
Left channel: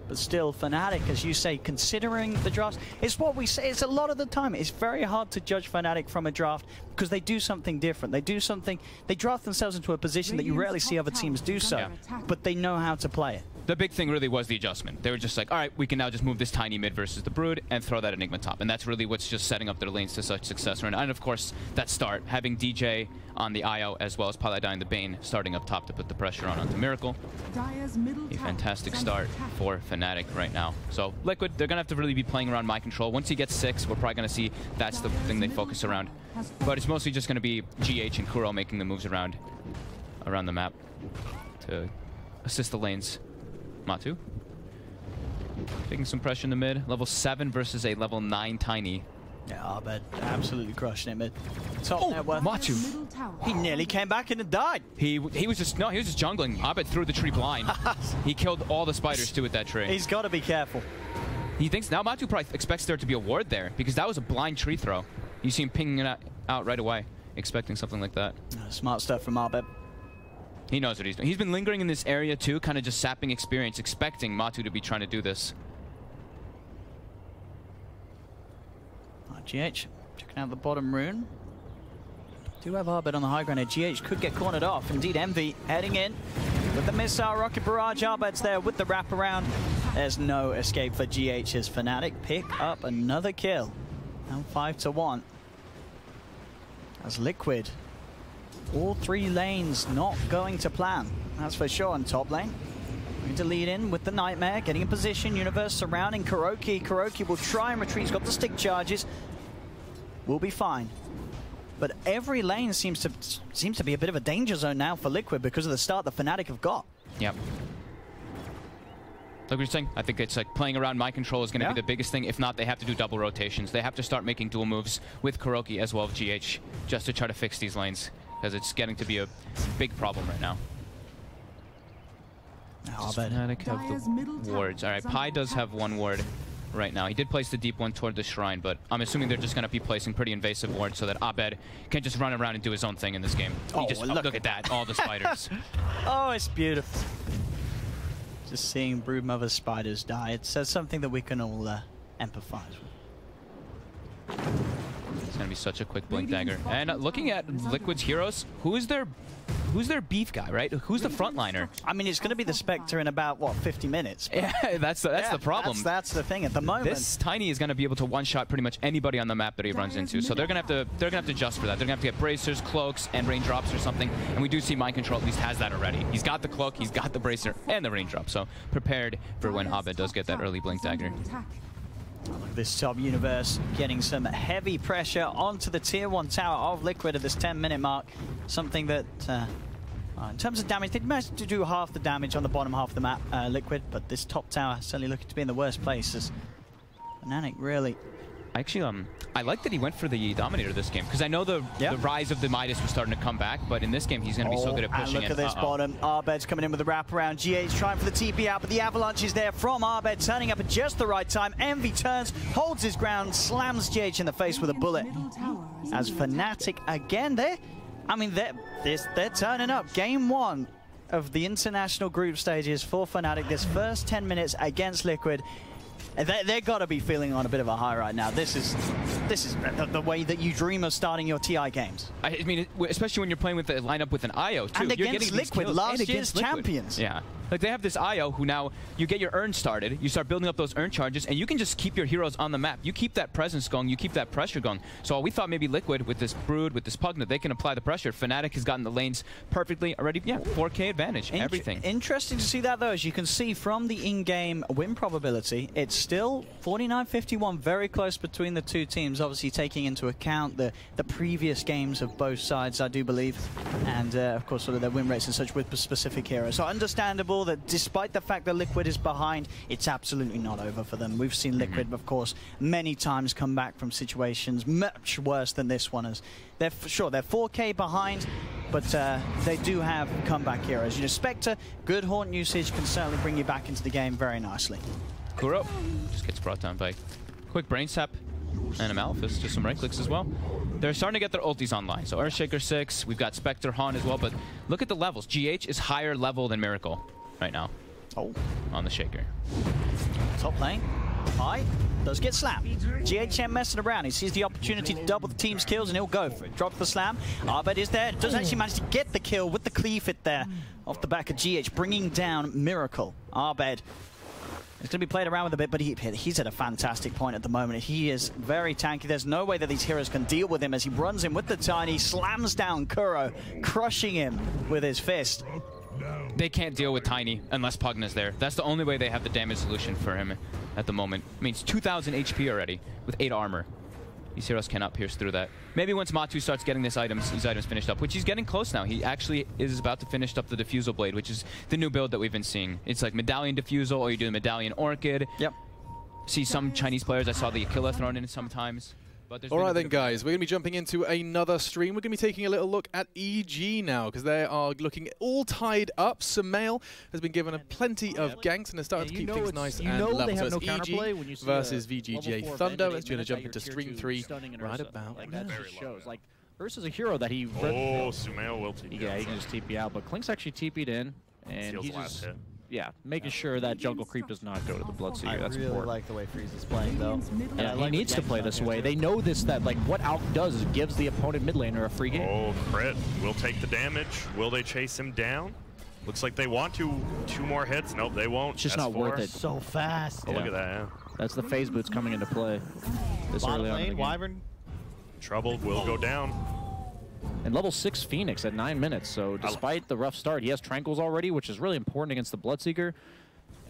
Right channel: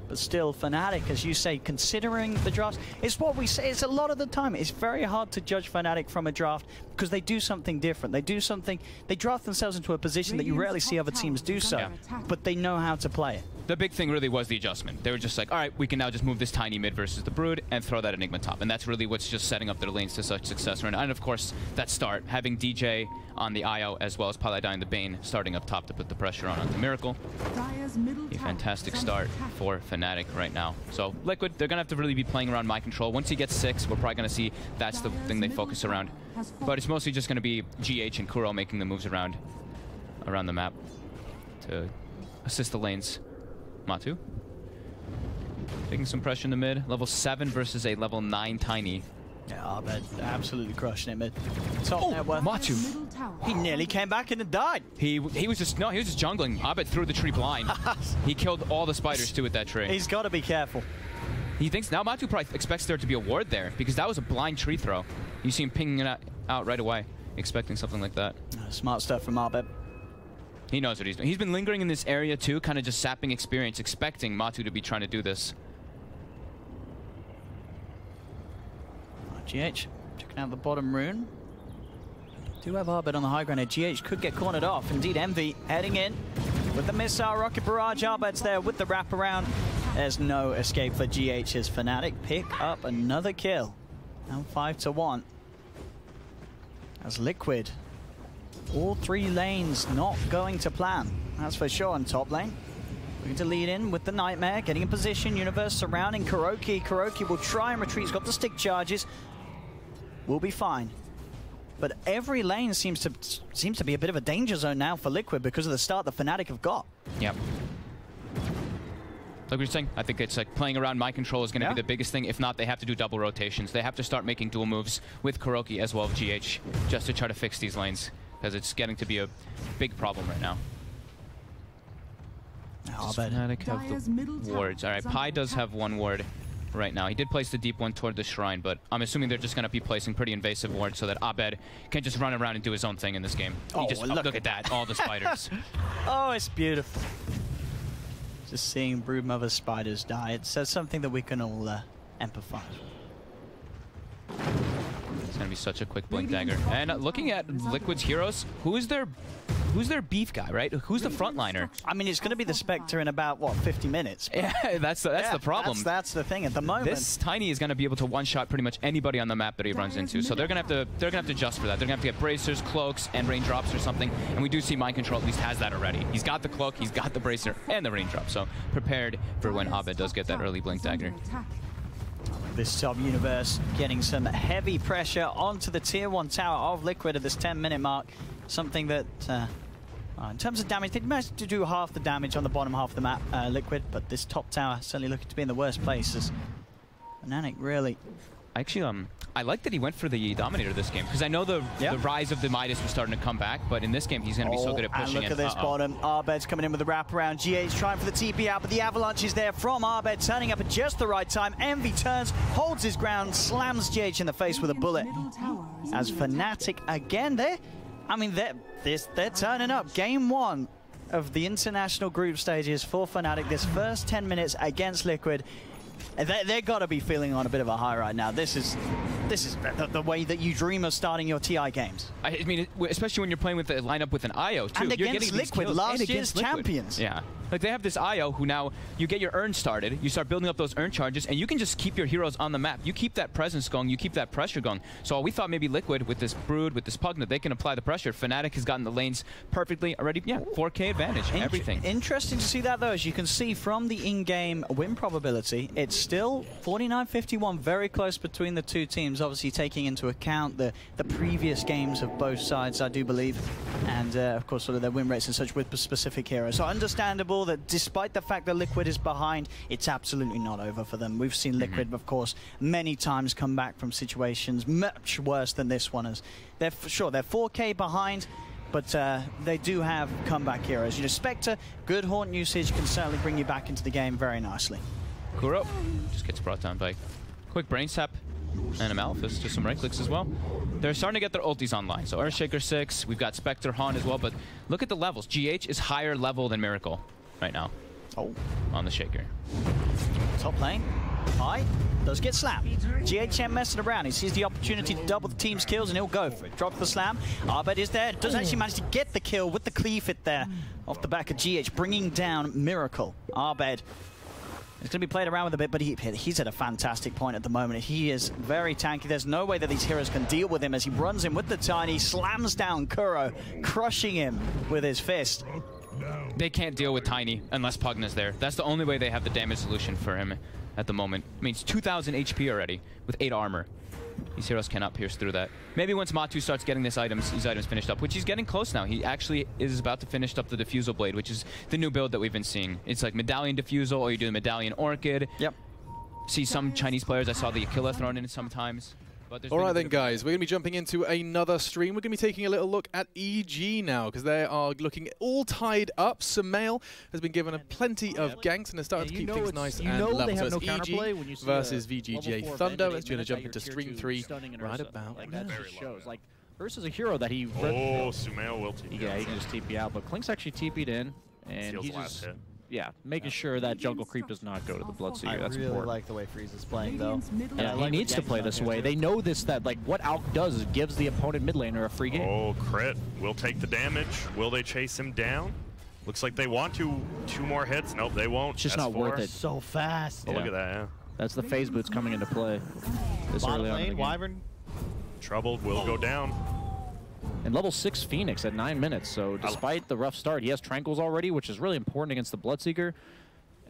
But still, Fnatic, as you say, considering the drafts, it's what we say. It's a lot of the time. It's very hard to judge Fnatic from a draft because they do something different. They draft themselves into a position that you rarely see other teams do so, but they know how to play it. The big thing really was the adjustment. They were just like, all right, we can now just move this Tiny mid versus the Brood and throw that Enigma top. And that's really what's just setting up their lanes to such success right now. And of course, that start, having DJ on the IO as well as Paladin the Bane starting up top to put the pressure on onto Miracle. A fantastic start for Fnatic right now. So Liquid, they're going to have to really be playing around Mind Control. Once he gets 6, we're probably going to see that's the thing they focus around. But it's mostly just going to be GH and Kuro making the moves around the map to assist the lanes. Matu taking some pressure in the mid. Level 7 versus a level 9 Tiny. Yeah, but absolutely crushed him. Top net worth. Matu. He nearly came back in and died. He was just jungling. Abed threw the tree blind. He killed all the spiders too with that tree. He's got to be careful. He thinks now Matu probably expects there to be a ward there because that was a blind tree throw. You see him pinging it out right away, expecting something like that. Smart stuff from Abed. He knows what he's doing. He's been lingering in this area too, kind of just sapping experience, expecting Matu to be trying to do this. GH checking out the bottom rune. Do have Abed on the high ground here. GH could get cornered off. Indeed, Envy heading in with the missile rocket barrage. Abed's there with the wraparound. There's no escape for GH as Fnatic pick up another kill. Now 5-1. As Liquid. All 3 lanes not going to plan. That's for sure on top lane. Need to lead in with the Nightmare, getting in position. Universe surrounding Kuroki. Kuroki will try and retreat. He's got the stick charges. Will be fine. But every lane seems to be a bit of a danger zone now for Liquid because of the start that Fnatic have got. Yep. Like we were saying, I think it's like playing around Mind Control is going to be the biggest thing. If not, they have to do double rotations. They have to start making dual moves with Kuroki as well as GH just to try to fix these lanes because it's getting to be a big problem right now. Fnatic have the wards. Alright, Pi does have 1 ward right now. He did place the deep one toward the shrine, but I'm assuming they're just going to be placing pretty invasive wards so that Abed can just run around and do his own thing in this game. Oh, look at that, all the spiders. Oh, it's beautiful. Just seeing Broodmother's spiders die, it says something that we can all empathize with. It's going to be such a quick blink dagger. And looking at Liquid's heroes, who is their who's their beef guy, right? Who's the frontliner? I mean, it's going to be the Spectre in about, what, 50 minutes? Yeah, that's the problem. That's the thing at the moment. This Tiny is going to be able to one-shot pretty much anybody on the map that he runs into, so they're going to have to adjust for that. They're going to have to get bracers, cloaks, and raindrops or something, and we do see Mind Control at least has that already. He's got the cloak, he's got the bracer, and the raindrop, so prepared for when Abed does get that early blink dagger. This sub-universe getting some heavy pressure onto the tier 1 tower of Liquid at this 10-minute mark. Something that, in terms of damage, they managed to do half the damage on the bottom half of the map, Liquid, but this top tower certainly looking to be in the worst place as Fnatic really... Actually, I like that he went for the Dominator this game, because I know the rise of the Midas was starting to come back, but in this game he's going to be so good at pushing and it. look at this bottom. Abed's coming in with a wraparound. GH trying for the TP out, but the avalanche is there from Abed, turning up at just the right time. Envy turns, holds his ground, slams GH in the face with a bullet. As Fnatic again, they're turning up. Game 1 of the international group stages for Fnatic. This first 10 minutes against Liquid. They've got to be feeling on a bit of a high right now. This is the way that you dream of starting your TI games. I mean, especially when you're playing with a lineup with an IO too. And you're against Liquid, last year's champions. Yeah, like they have this IO who now you get your urn started, you start building up those urn charges, and you can just keep your heroes on the map. You keep that presence going, you keep that pressure going. So we thought maybe Liquid with this Brood, with this Pugna, they can apply the pressure. Fnatic has gotten the lanes perfectly already. Yeah, 4K advantage, everything. Interesting to see that though, as you can see from the in-game win probability, it's still 49-51, very close between the two teams, obviously taking into account the previous games of both sides, I do believe, and of course sort of their win rates and such with specific heroes. So understandable that despite the fact that Liquid is behind, it's absolutely not over for them. We've seen Liquid, of course, many times come back from situations much worse than this one. As they're 4K behind, but they do have comeback heroes. You know, Spectre, good haunt usage can certainly bring you back into the game very nicely. Kuro just gets brought down by quick brain sap and a Malefice, just some right clicks as well. They're starting to get their ultis online. So Earthshaker 6, we've got Spectre, Han as well, but look at the levels. GH is higher level than Miracle right now. Oh, on the Shaker. Top lane, high, does get slammed. GH ain't messing around. He sees the opportunity to double the team's kills and he'll go for it. Drops the slam. Abed is there. Does actually manage to get the kill with the cleave hit there off the back of GH, bringing down Miracle. Abed. It's going to be played around with a bit, but he's at a fantastic point at the moment. He is very tanky. There's no way that these heroes can deal with him as he runs in with the Tiny, slams down Kuro, crushing him with his fist. They can't deal with Tiny unless Pugna's there. That's the only way they have the damage solution for him at the moment. I mean, it's 2,000 HP already with 8 armor. These heroes cannot pierce through that. Maybe once Matu starts getting these items finished up, which he's getting close now. He actually is about to finish up the Diffusal Blade, which is the new build that we've been seeing. It's like Medallion Diffusal, or you do the Medallion Orchid. Yep. See some Chinese players, I saw the Aquila thrown in sometimes. All right then, guys, we're going to be jumping into another stream. We're going to be taking a little look at EG now, because they are looking all tied up. Sumail has been given plenty of ganks, and they're starting to keep things nice and level. So it's EG versus VGJ Thunder. It's going to jump into stream 3 right about now. Shows like versus a hero that he... Sumail will TP. Yeah, he can just TP out, but Klink's actually TP'd in, and he's just... Yeah, making sure that jungle creep does not go to the Bloodseeker. That's really important. like the way Freeze is playing, though. Yeah, he needs to play this way. They know this, that like what Alk does is gives the opponent mid laner a free game. Oh, crit. Will take the damage. Will they chase him down? Looks like they want to. 2 more hits. Nope, they won't. It's just not worth it. So fast. Oh, look at that, yeah. That's the phase boots coming into play. This Bottom early on in the lane, game. Wyvern. Troubled will go down. And level 6 Phoenix at 9 minutes, so despite the rough start, he has Tranquils already, which is really important against the Bloodseeker.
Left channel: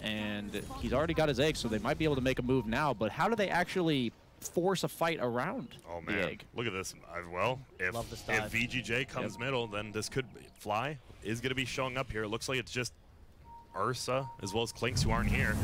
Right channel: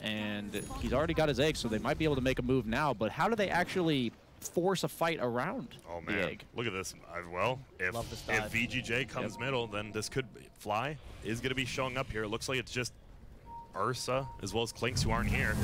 And he's already got his egg, so they might be able to make a move now. But how do they actually force a fight around the egg? Look at this. Well, if VGJ comes middle, then this could fly. Is going to be showing up here. It looks like it's just Ursa as well as Klinks who aren't here.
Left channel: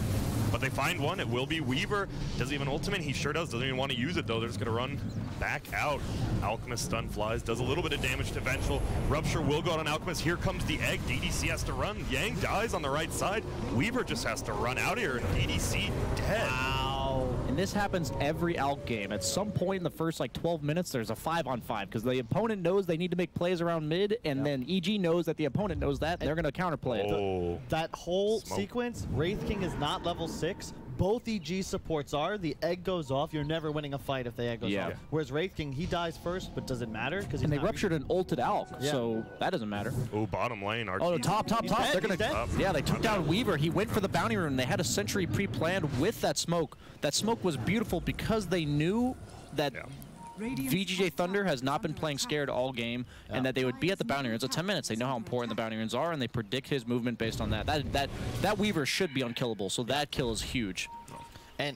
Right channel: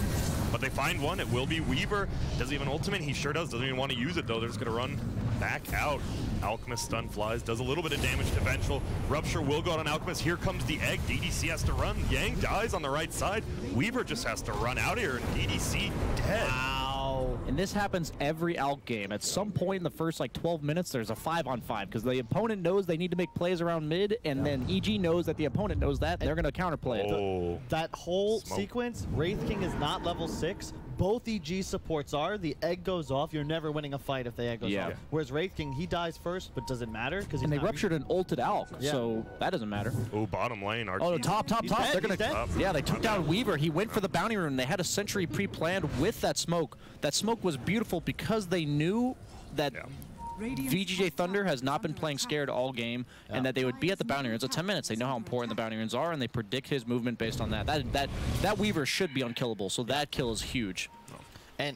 But they find one. It will be Weaver. Does he have an ultimate? He sure does. Doesn't even want to use it, though. They're just going to run back out. Alchemist stun flies. Does a little bit of damage to Vengeful. Rupture will go out on Alchemist. Here comes the egg. DDC has to run. Yang dies on the right side. Weaver just has to run out here, and DDC dead. Wow. And this happens every Alk game. At some point in the first like 12 minutes, there's a 5-on-5 because the opponent knows they need to make plays around mid, and then EG knows that the opponent knows that. They're going to counterplay it. That whole sequence, Wraith King is not level 6, both EG supports are, the egg goes off, you're never winning a fight if the egg goes off. Whereas Wraith King, he dies first, but does it matter? And they ruptured an ulted Alk, so that doesn't matter. Oh, bottom lane. Oh, top. They're gonna. Yeah, they took down Weaver. He went for the bounty rune. They had a sentry pre-planned with that smoke. That smoke was beautiful because they knew that VGJ Thunder has not been playing scared all game, and that they would be at the bounty runes. So 10 minutes, they know how important the bounty runes are, and they predict his movement based on that. That Weaver should be unkillable, so that kill is huge. And,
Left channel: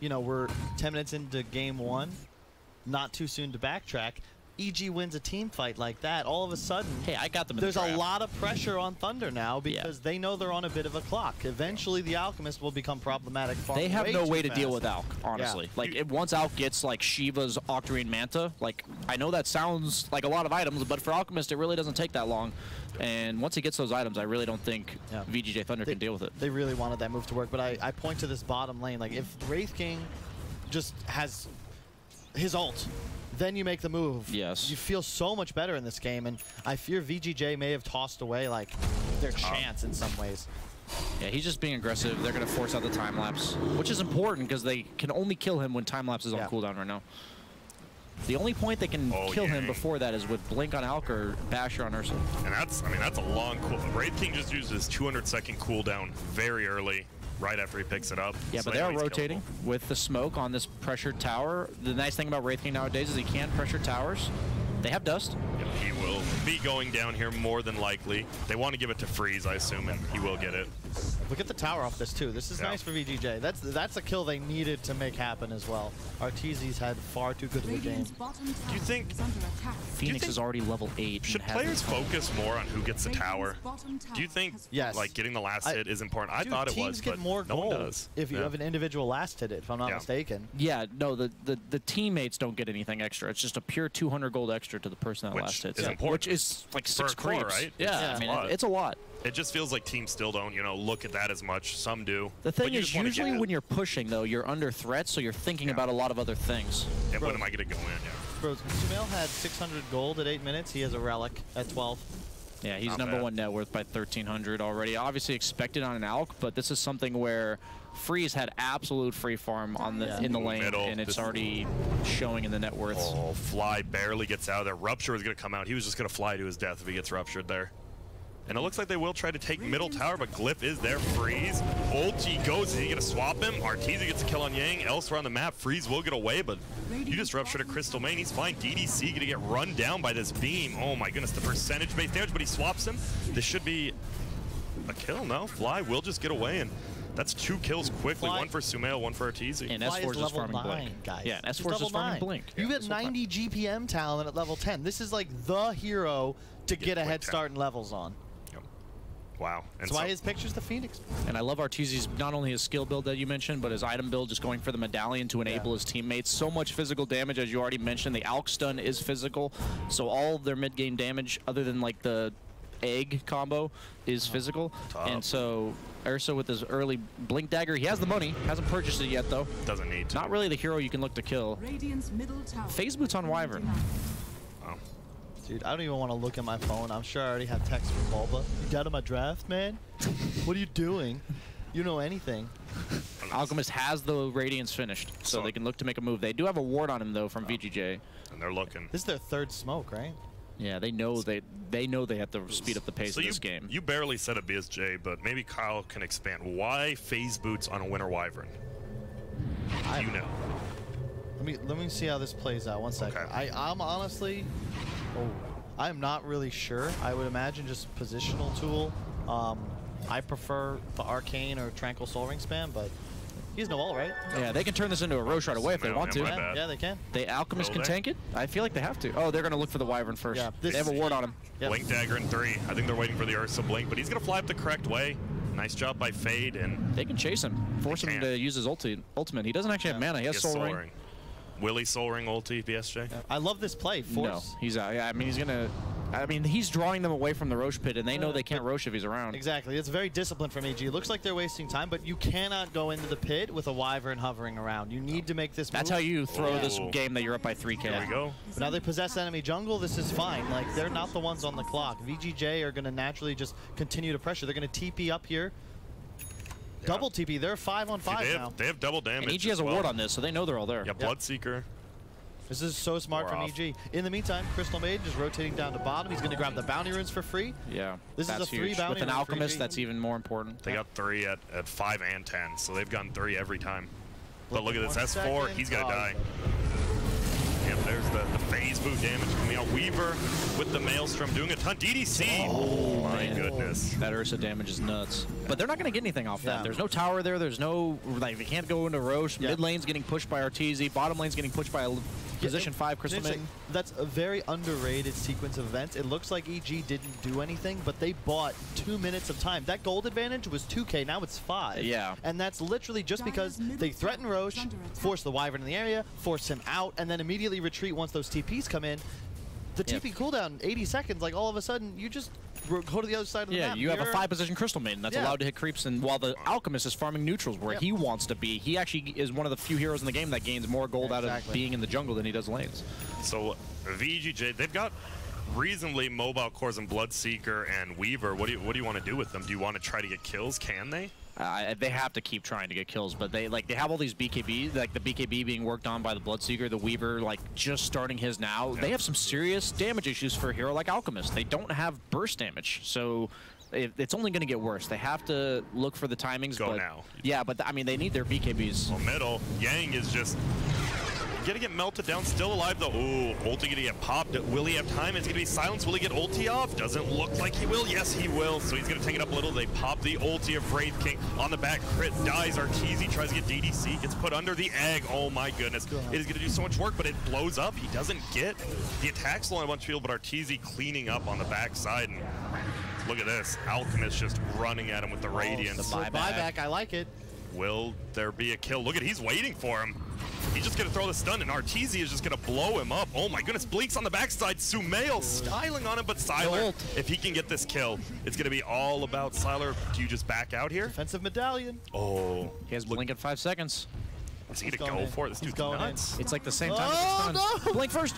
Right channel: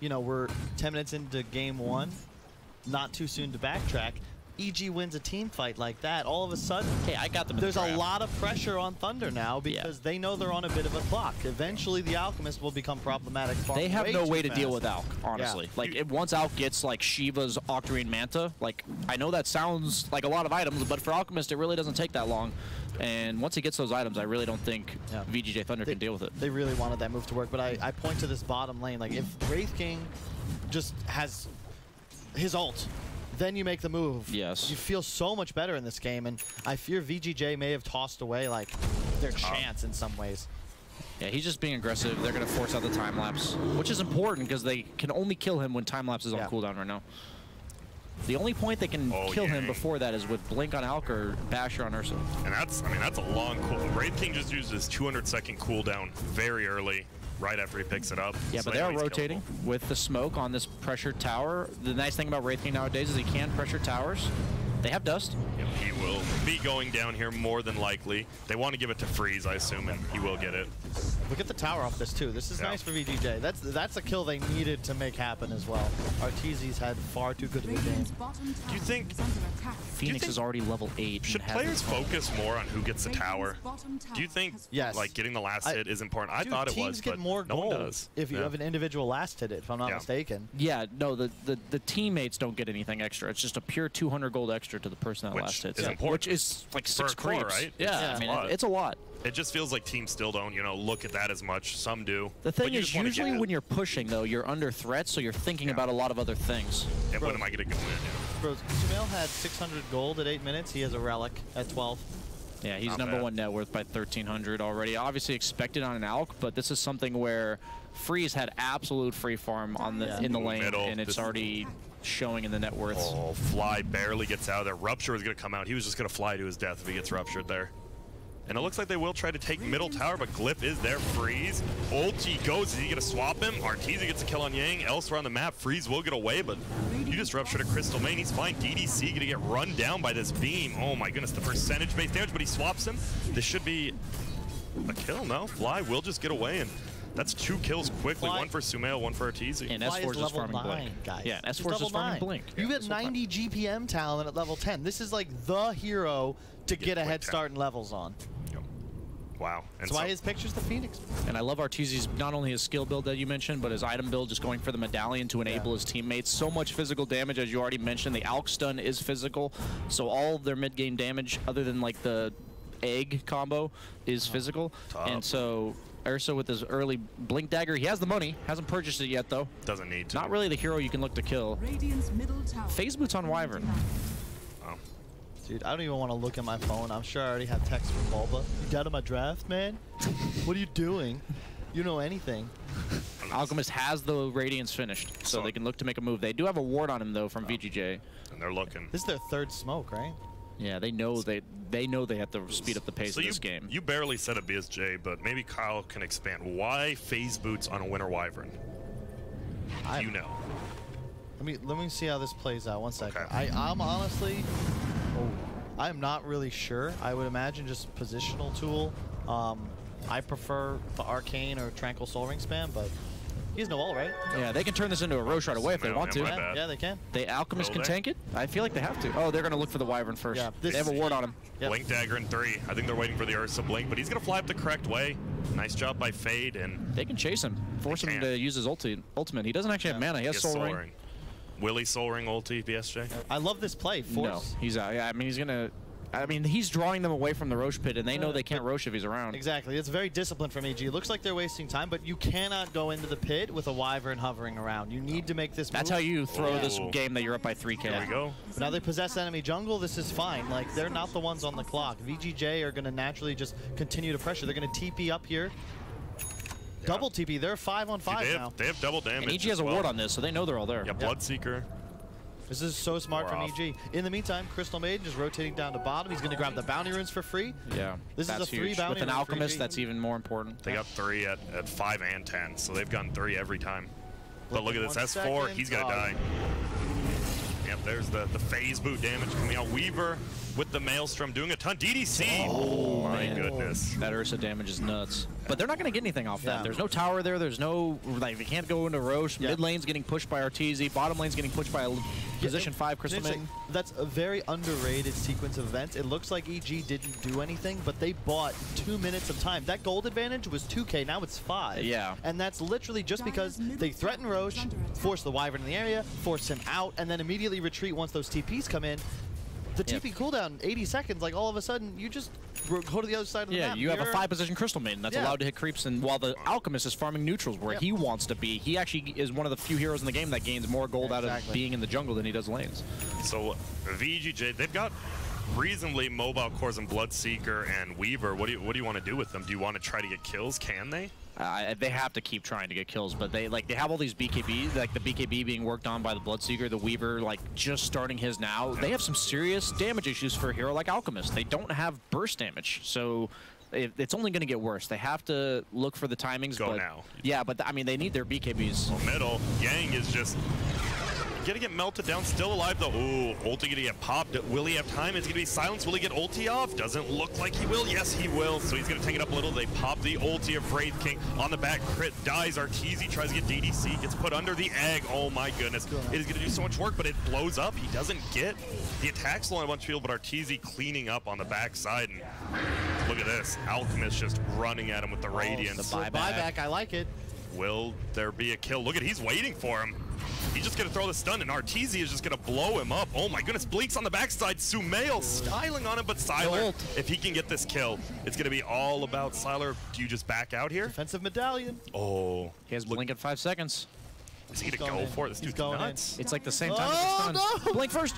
you know, we're 10 minutes into game 1, not too soon to backtrack. EG wins a team fight like that, all of a sudden, hey, I got them in there's a lot of pressure on Thunder now because they know they're on a bit of a clock. Eventually, the Alchemist will become problematic. They have no way to deal with Alk, honestly. Like, once Alk gets, like, Shiva's Octarine Manta, like, I know that sounds like a lot of items, but for Alchemist, it really doesn't take that long. And once he gets those items, I really don't think VGJ Thunder can deal with it. They really wanted that move to work, but I point to this bottom lane. Like, if Wraith King just has his ult, then you make the move. Yes. You feel so much better in this game, and I fear VGJ may have tossed away, like, their chance in some ways. Yeah, he's just being aggressive. They're going to force out the time lapse, which is important because they can only kill him when time lapse is on cooldown right now. The only point they can kill him before that is with Blink on Alk or Basher on Ursa. And that's, I mean, that's a long cool. Wraith King just used his 200-second cooldown very early, right after he picks it up. Yeah, so but they are rotating with the smoke on this pressured tower. The nice thing about Wraith King nowadays is he can pressure towers. They have dust. Yep, he will be going down here more than likely. They want to give it to Freeze, I assume, and he will get it. Look at the tower off this too. This is nice for VGJ. That's a kill they needed to make happen as well. Arteezy's had far too good of a game. Do you think Phoenix is already level 8? Should players focus more on who gets the tower? Do you think like getting the last hit is important? I thought it was, but more no one does. If you have an individual last hit, if I'm not mistaken. Yeah, no, the teammates don't get anything extra. It's just a pure 200 gold extra to the person that last hits. Which is like 6 creeps, right? Yeah, I mean, it's a lot. It just feels like teams still don't, you know, look at that as much. Some do. The thing is, usually when you're pushing, though, you're under threat, so you're thinking about a lot of other things. Yeah, when am I going to go in? Bro, Sumail had 600 gold at 8 minutes. He has a relic at 12. Yeah, he's #1 net worth by 1,300 already. Obviously expected on an Alk, but this is something where Freeze had absolute free farm on the in the lane, and it's already showing in the net worth. Oh, Fly barely gets out of there. Rupture is going to come out. He was just going to fly to his death if he gets ruptured there. And it looks like they will try to take middle tower, but Glyph is there. Freeze. Ulti goes. Is he going to swap him? Arteezy gets a kill on Yang. Elsewhere on the map, Freeze will get away, but you just ruptured a Crystal Main. He's fine. DDC going to get run down by this beam. Oh my goodness, the percentage-based damage, but he swaps him. This should be a kill, no? Fly will just get away, and that's 2 kills quickly. One for Sumail, one for Arteezy. And S4 is just farming Blink. Guys. Yeah, S4 is just farming Blink. You get 90 GPM talent at level 10. This is like the hero to get a head start in levels on. Wow. That's why his picture's the Phoenix. And I love Arteezy's, not only his skill build that you mentioned, but his item build, just going for the medallion to enable his teammates. So much physical damage, as you already mentioned. The Alk stun is physical, so all of their mid-game damage, other than like the egg combo, is physical. And so Ursa with his early Blink Dagger, he has the money. Hasn't purchased it yet, though. Doesn't need to. Not really the hero you can look to kill. Phase Boots on Wyvern. Dude, I don't even want to look at my phone. I'm sure I already have text from Bulba. You got on my draft, man? What are you doing? You know anything. Alchemist has the Radiance finished, so they can look to make a move. They do have a ward on him, though, from VGJ. And they're looking. This is their 3rd smoke, right? Yeah, they know they know they have to speed up the pace of this game. You barely said a BSJ, but maybe Kyle can expand. Why Phase Boots on a Winter Wyvern? You know. Let me see how this plays out. 1 second. Okay. I'm honestly... I'm not really sure. I would imagine just positional tool. I prefer the Arcane or Tranquil Soul Ring spam, but he has no ult, right? Yeah, they can turn this into a Roche right away if they want to. Yeah, they can. The Alchemist can tank it? I feel like they have to. Oh, they're going to look for the Wyvern first. Yeah, they have a ward on him. Blink Dagger in 3. I think they're waiting for the Ursa Blink, but he's going to fly up the correct way. Nice job by Fade, and they can chase him. Force him to use his ultimate. He doesn't actually have mana. He has Soul Ring. Willie Soul Ring ulti, BSJ? I love this play. Force. No, he's out. Yeah, I mean, he's going to... I mean, he's drawing them away from the Roche pit, and they know they can't Roche if he's around. Exactly. It's very disciplined from EG. It looks like they're wasting time, but you cannot go into the pit with a Wyvern hovering around. You need to make this move. That's how you throw this game that you're up by 3K. There we go. But now they possess enemy jungle. This is fine. Like, they're not the ones on the clock. VGJ are going to naturally just continue to pressure. They're going to TP up here. double TP. They're 5-on-5 now. They have double damage. And EG has a ward on this, so they know they're all there. Yeah, Bloodseeker. This is so smart from EG. In the meantime, Crystal Maiden just rotating down to bottom. He's going to grab the bounty runes for free. Yeah, this is a 3 huge. bounty With an Alchemist, that's even more important. They got 3 at 5 and 10, so they've gotten 3 every time. But look at this S4, he's going to die. Yep, there's the phase boot damage coming out. Weaver with the Maelstrom doing a ton. DDC! Oh my goodness. That Ursa damage is nuts. But they're not going to get anything off that. There's no tower there. There's no, like, they can't go into Roche. Mid lane's getting pushed by Arteezy. Bottom lane's getting pushed by a position 5 Crystal Maiden. That's a very underrated sequence of events. It looks like EG didn't do anything, but they bought 2 minutes of time. That gold advantage was 2K, now it's 5. Yeah. And that's literally just because they threaten Roche, force the Wyvern in the area, force him out, and then immediately retreat once those TPs come in. The TP cooldown, 80 seconds, like all of a sudden, you just go to the other side of the map. Yeah, you have a 5-position Crystal Maiden that's allowed to hit creeps, and while the Alchemist is farming neutrals where he wants to be, he actually is one of the few heroes in the game that gains more gold out of being in the jungle than he does lanes. So VGJ, they've got reasonably mobile cores in Bloodseeker and Weaver. What do you want to do with them? Do you want to try to get kills? Can they? They have to keep trying to get kills, but they have all these BKB, like the BKB being worked on by the Bloodseeker, the Weaver, like just starting his now. They have some serious damage issues for a hero like Alchemist. They don't have burst damage, so it's only going to get worse. They have to look for the timings. Go now. Yeah, but I mean, they need their BKBs. Oh, middle. Yang is just gonna get melted down, still alive though. Ooh, ulti gonna get popped. Will he have time? Is he gonna be silenced? Will he get ulti off? Doesn't look like he will. Yes, he will. So he's gonna take it up a little. They pop the ulti of Wraith King on the back. Crit dies. Arteezy tries to get DDC, gets put under the egg. Oh my goodness. It is gonna do so much work, but it blows up. He doesn't get the attack slow on a bunch of people, but Arteezy cleaning up on the backside. And look at this. Alchemist just running at him with the Radiance. The buyback, I like it. Will there be a kill? Look at, he's waiting for him. He's just going to throw the stun, and Arteezy is just going to blow him up. Oh my goodness, Blinks on the backside. Sumail styling on him, but Sylar, if he can get this kill, it's going to be all about Sylar. Do you just back out here? Defensive medallion. Oh. He has Blink in 5 seconds. Is he going to go for it? This dude's nuts. It's like the same time as the stun. Blink first.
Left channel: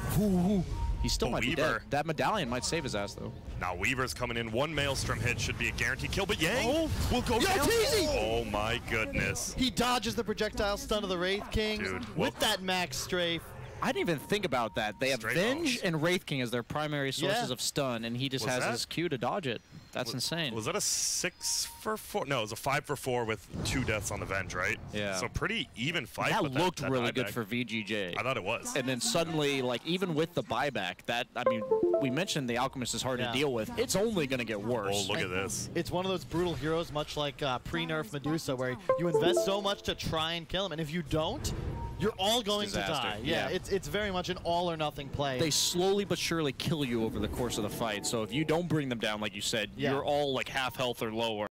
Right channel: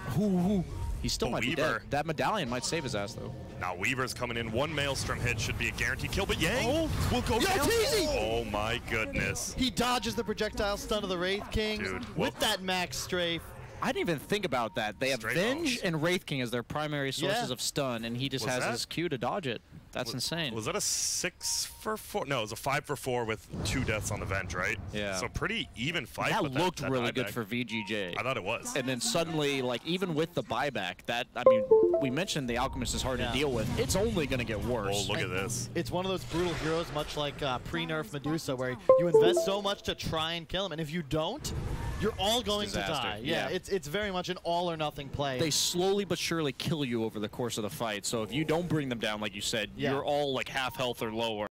He still might be dead. That medallion might save his ass, though. Now Weaver's coming in. 1 Maelstrom hit should be a guaranteed kill, but Yang will go down. Oh my goodness. He dodges the projectile stun of the Wraith King with that max strafe. I didn't even think about that. They have Venge and Wraith King as their primary sources of stun, and he just has his Q to dodge it. That's insane. Was that a 6-for-4? No, it was a 5-for-4 with 2 deaths on the Venge, right? Yeah. So pretty even fight. That looked really good for VGJ. I thought it was. And then suddenly, like, even with the buyback, I mean, we mentioned the Alchemist is hard to deal with. It's only going to get worse. Oh, look at this. It's one of those brutal heroes, much like pre-nerf Medusa, where you invest so much to try and kill him, and if you don't, you're all going to die. Yeah, it's very much an all-or-nothing play. They slowly but surely kill you over the course of the fight. So if you don't bring them down, like you said, you're all like half health or lower.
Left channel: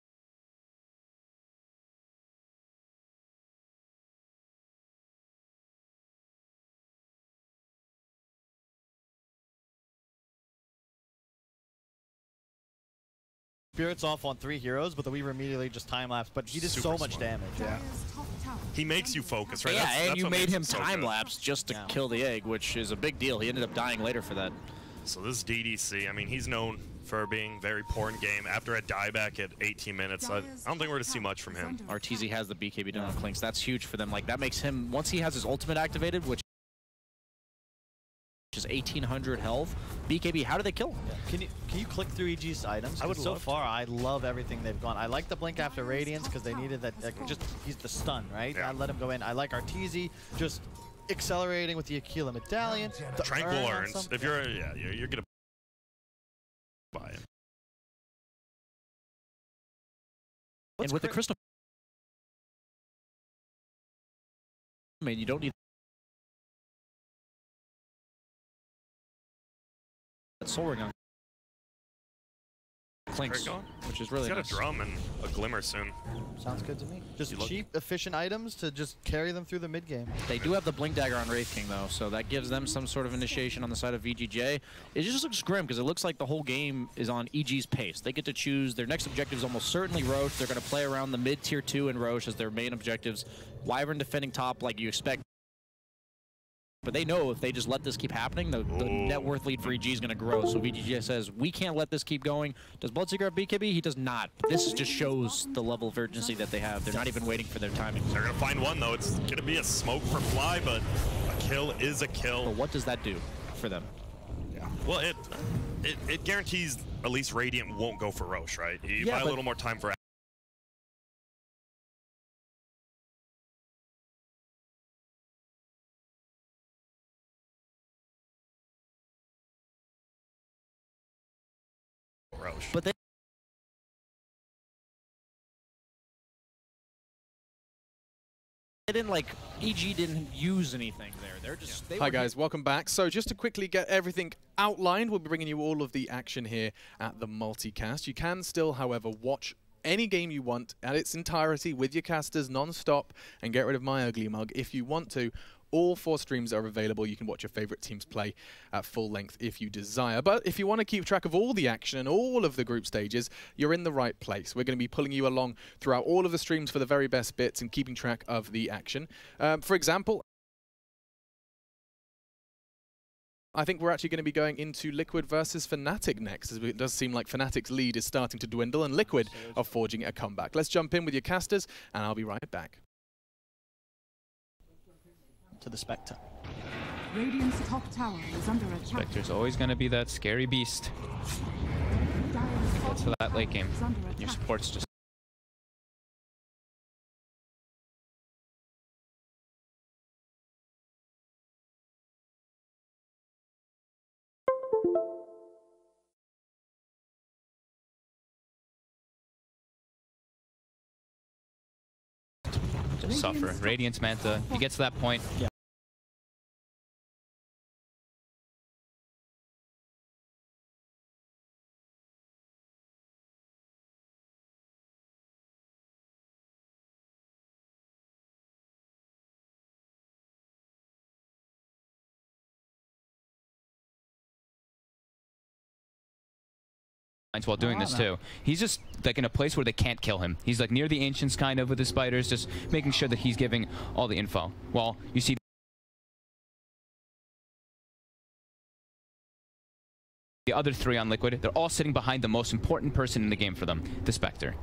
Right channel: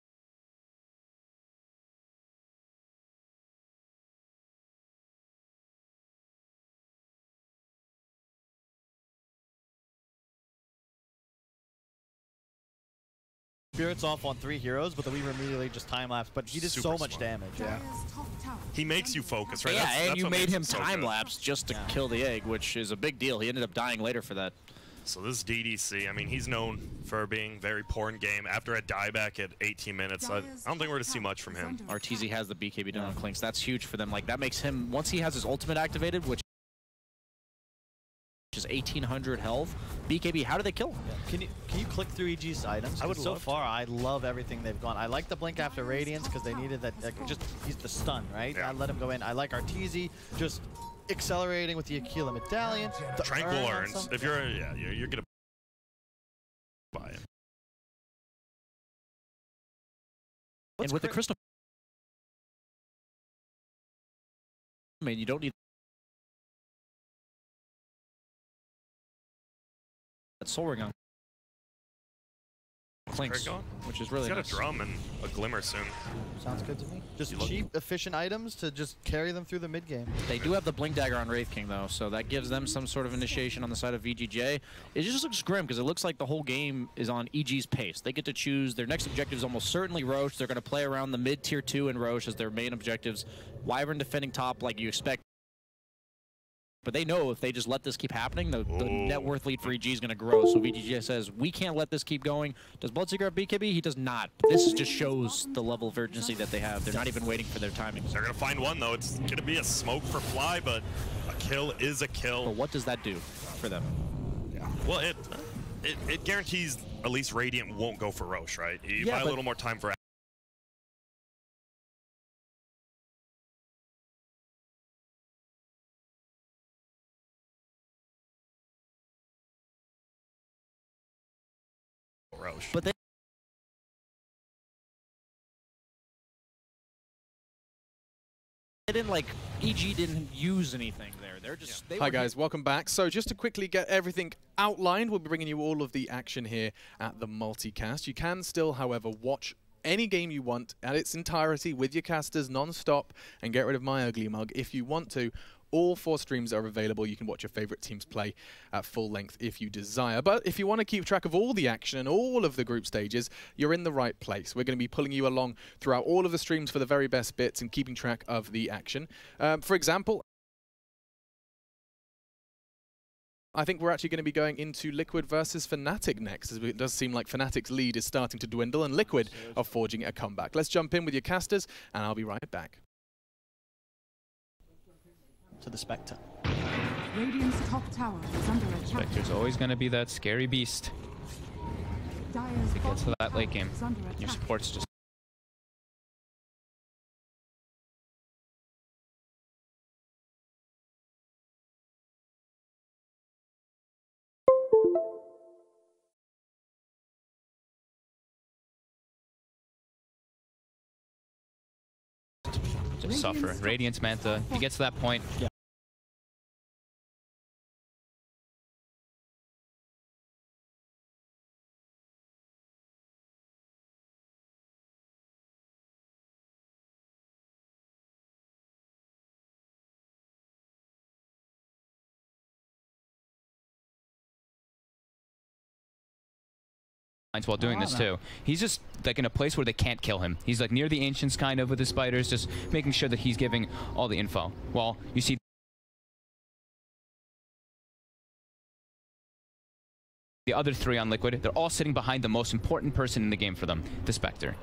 Spirits off on 3 heroes, but the Weaver immediately just time-lapse. But he did so much damage. Yeah. He makes you focus, right? Yeah, that's and you made him so time-lapse just to kill the egg, which is a big deal. He ended up dying later for that. So this DDC, I mean, he's known for being very poor in game. After a dieback at 18 minutes, I don't think we're going to see much from him. Arteezy has the BKB down on Clinks. That's huge for them. Like, that makes him, once he has his ultimate activated, which is 1,800 health. BKB, how do they kill him? Yeah. Can you click through EG's items? I would so far, I love everything they've gone. I like the Blink after Radiance because they needed that. He's the stun, right? Yeah. I let him go in. I like Arteezy just accelerating with the Aquila Medallion. The Tranquil earns. If you're, you're gonna buy it. And with the crystal, I mean, you don't need that soul ring on Clinks, which is really He's got nice. a drum and a glimmer soon. Sounds good to me. Just cheap, efficient items to just carry them through the mid game. They do have the Blink Dagger on Wraith King, though, so that gives them some sort of initiation on the side of VGJ. It just looks grim, because it looks like the whole game is on EG's pace. They get to choose. Their next objective is almost certainly Roche. They're going to play around the mid-tier 2 and Roche as their main objectives. Wyvern defending top like you expect. But they know if they just let this keep happening, the net worth lead for EG is going to grow. So VGJ says, we can't let this keep going. Does Bloodseeker have BKB? He does not. But this just shows the level of urgency that they have. They're not even waiting for their timing. They're going to find one, though. It's going to be a smoke for Fly, but a kill is a kill. But what does that do for them? Yeah. Well, it guarantees at least Radiant won't go for Roche, right? You buy a little more time for Roche. But they didn't, like, EG didn't use anything there. They're just... Hi guys, welcome back. So just to quickly get everything outlined, we'll be bringing you all of the action here at the multicast. You can still, however, watch any game you want at its entirety with your casters non-stop and get rid of my ugly mug if you want to. All 4 streams are available. You can watch your favorite teams play at full length if you desire. But if you want to keep track of all the action and all of the group stages, you're in the right place. We're going to be pulling you along throughout all of the streams for the very best bits and keeping track of the action. For example, I think we're actually going to be going into Liquid versus Fnatic next, as it does seem like Fnatic's lead is starting to dwindle and Liquid are forging a comeback. Let's jump in with your casters, and I'll be right back. To the Spectre. Radiant's top tower is under attack. Spectre's always going to be that scary beast. If it gets to that late game, your support's just... just suffer. Radiance Manta, he gets to that point. Yeah. While doing this too. He's just like in a place where they can't kill him. He's like near the Ancients kind of with his spiders, just making sure that he's giving all the info. Well, you see the other 3 on Liquid, they're all sitting behind the most important person in the game for them, the Spectre.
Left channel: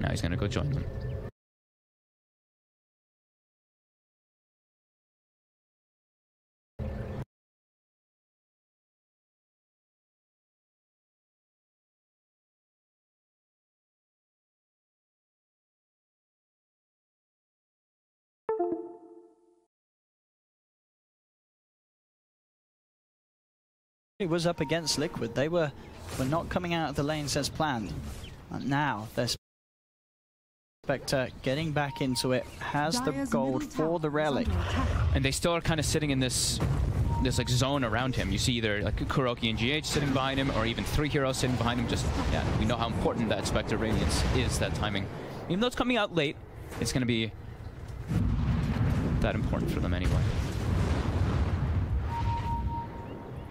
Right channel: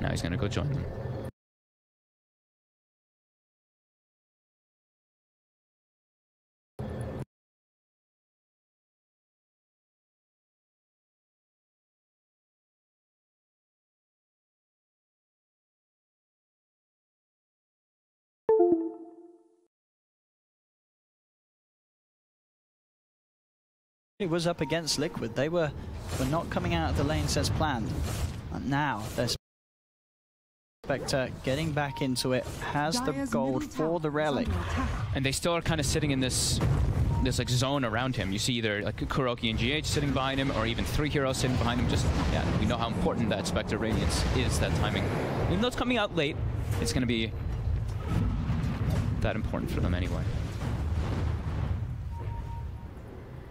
Now he's gonna go join them. It was up against Liquid. They were not coming out of the lanes as planned. And now their Spectre getting back into it, has the gold for the relic. And they still are kind of sitting in this like zone around him. You see either like Kuroki and GH sitting behind him, or even 3 heroes sitting behind him. Just, yeah, we know how important that Spectre Radiance is, that timing. Even though it's coming out late, it's going to be that important for them anyway.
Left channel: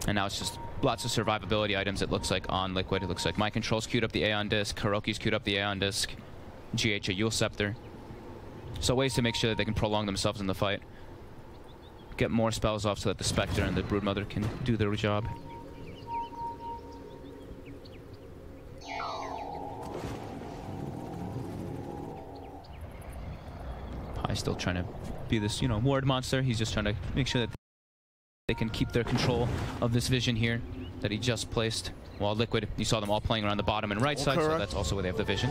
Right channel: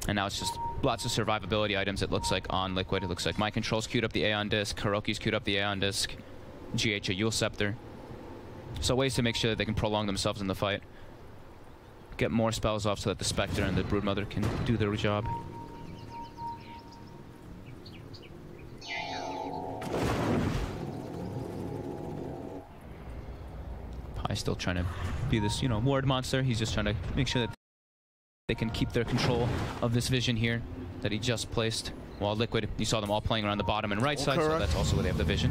And now it's just lots of survivability items, it looks like, on Liquid. It looks like My Control's queued up the Aeon Disc, Kuroki's queued up the Aeon Disc, GH a Yule Scepter. So ways to make sure that they can prolong themselves in the fight. Get more spells off so that the Spectre and the Broodmother can do their job. Pie's still trying to be this, ward monster. He's just trying to make sure that they can keep their control of this vision here that he just placed. While Liquid, you saw them all playing around the bottom and right side, so that's also where they have the vision.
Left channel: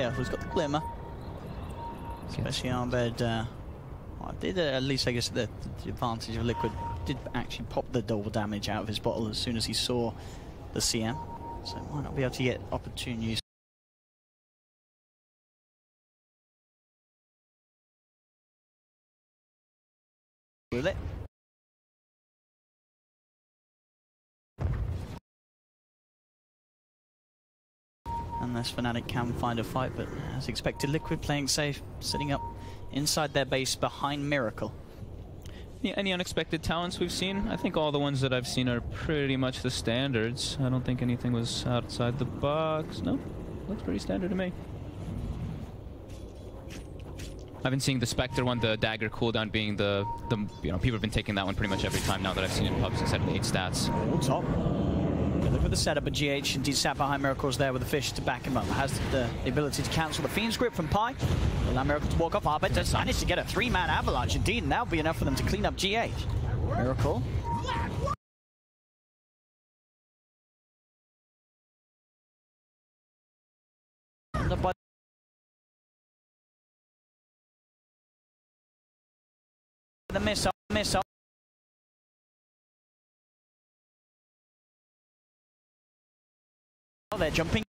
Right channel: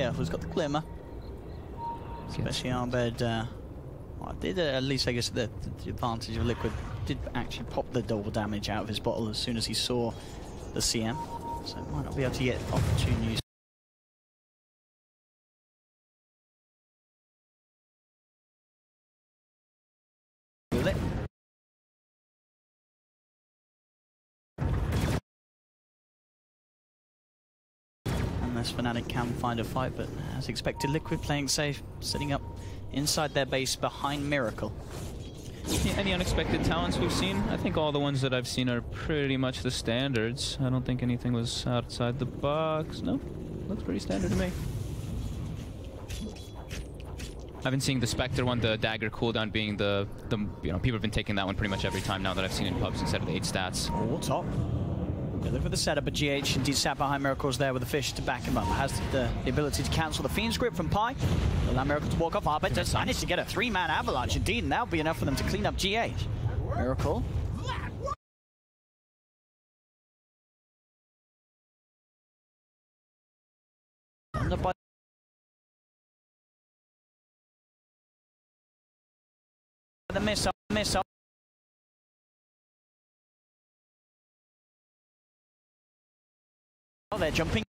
Yeah, who's got the glimmer? Especially on bed. Well, did at least, I guess, the advantage of Liquid did actually pop the double damage out of his bottle as soon as he saw the CM. So might not be able to get opportune use. With it. Unless Fnatic can find a fight, but as expected, Liquid playing safe, sitting up inside their base behind Miracle. Yeah, any unexpected talents we've seen? I think all the ones that I've seen are pretty much the standards. I don't think anything was outside the box. No, looks pretty standard to me. I've been seeing the Spectre one, the dagger cooldown being the you know, people have been taking that one pretty much every time now that I've seen it in pubs instead of the 8 stats. Oh, top. Good for the setup, but GH indeed sat behind Miracle's there with the fish to back him up. Has the ability to cancel the Fiend's grip from Pi. Allow Miracle to walk off. But decided to get a 3-man avalanche indeed, and that would be enough for them to clean up GH. Miracle. The missile. Oh, they're jumping.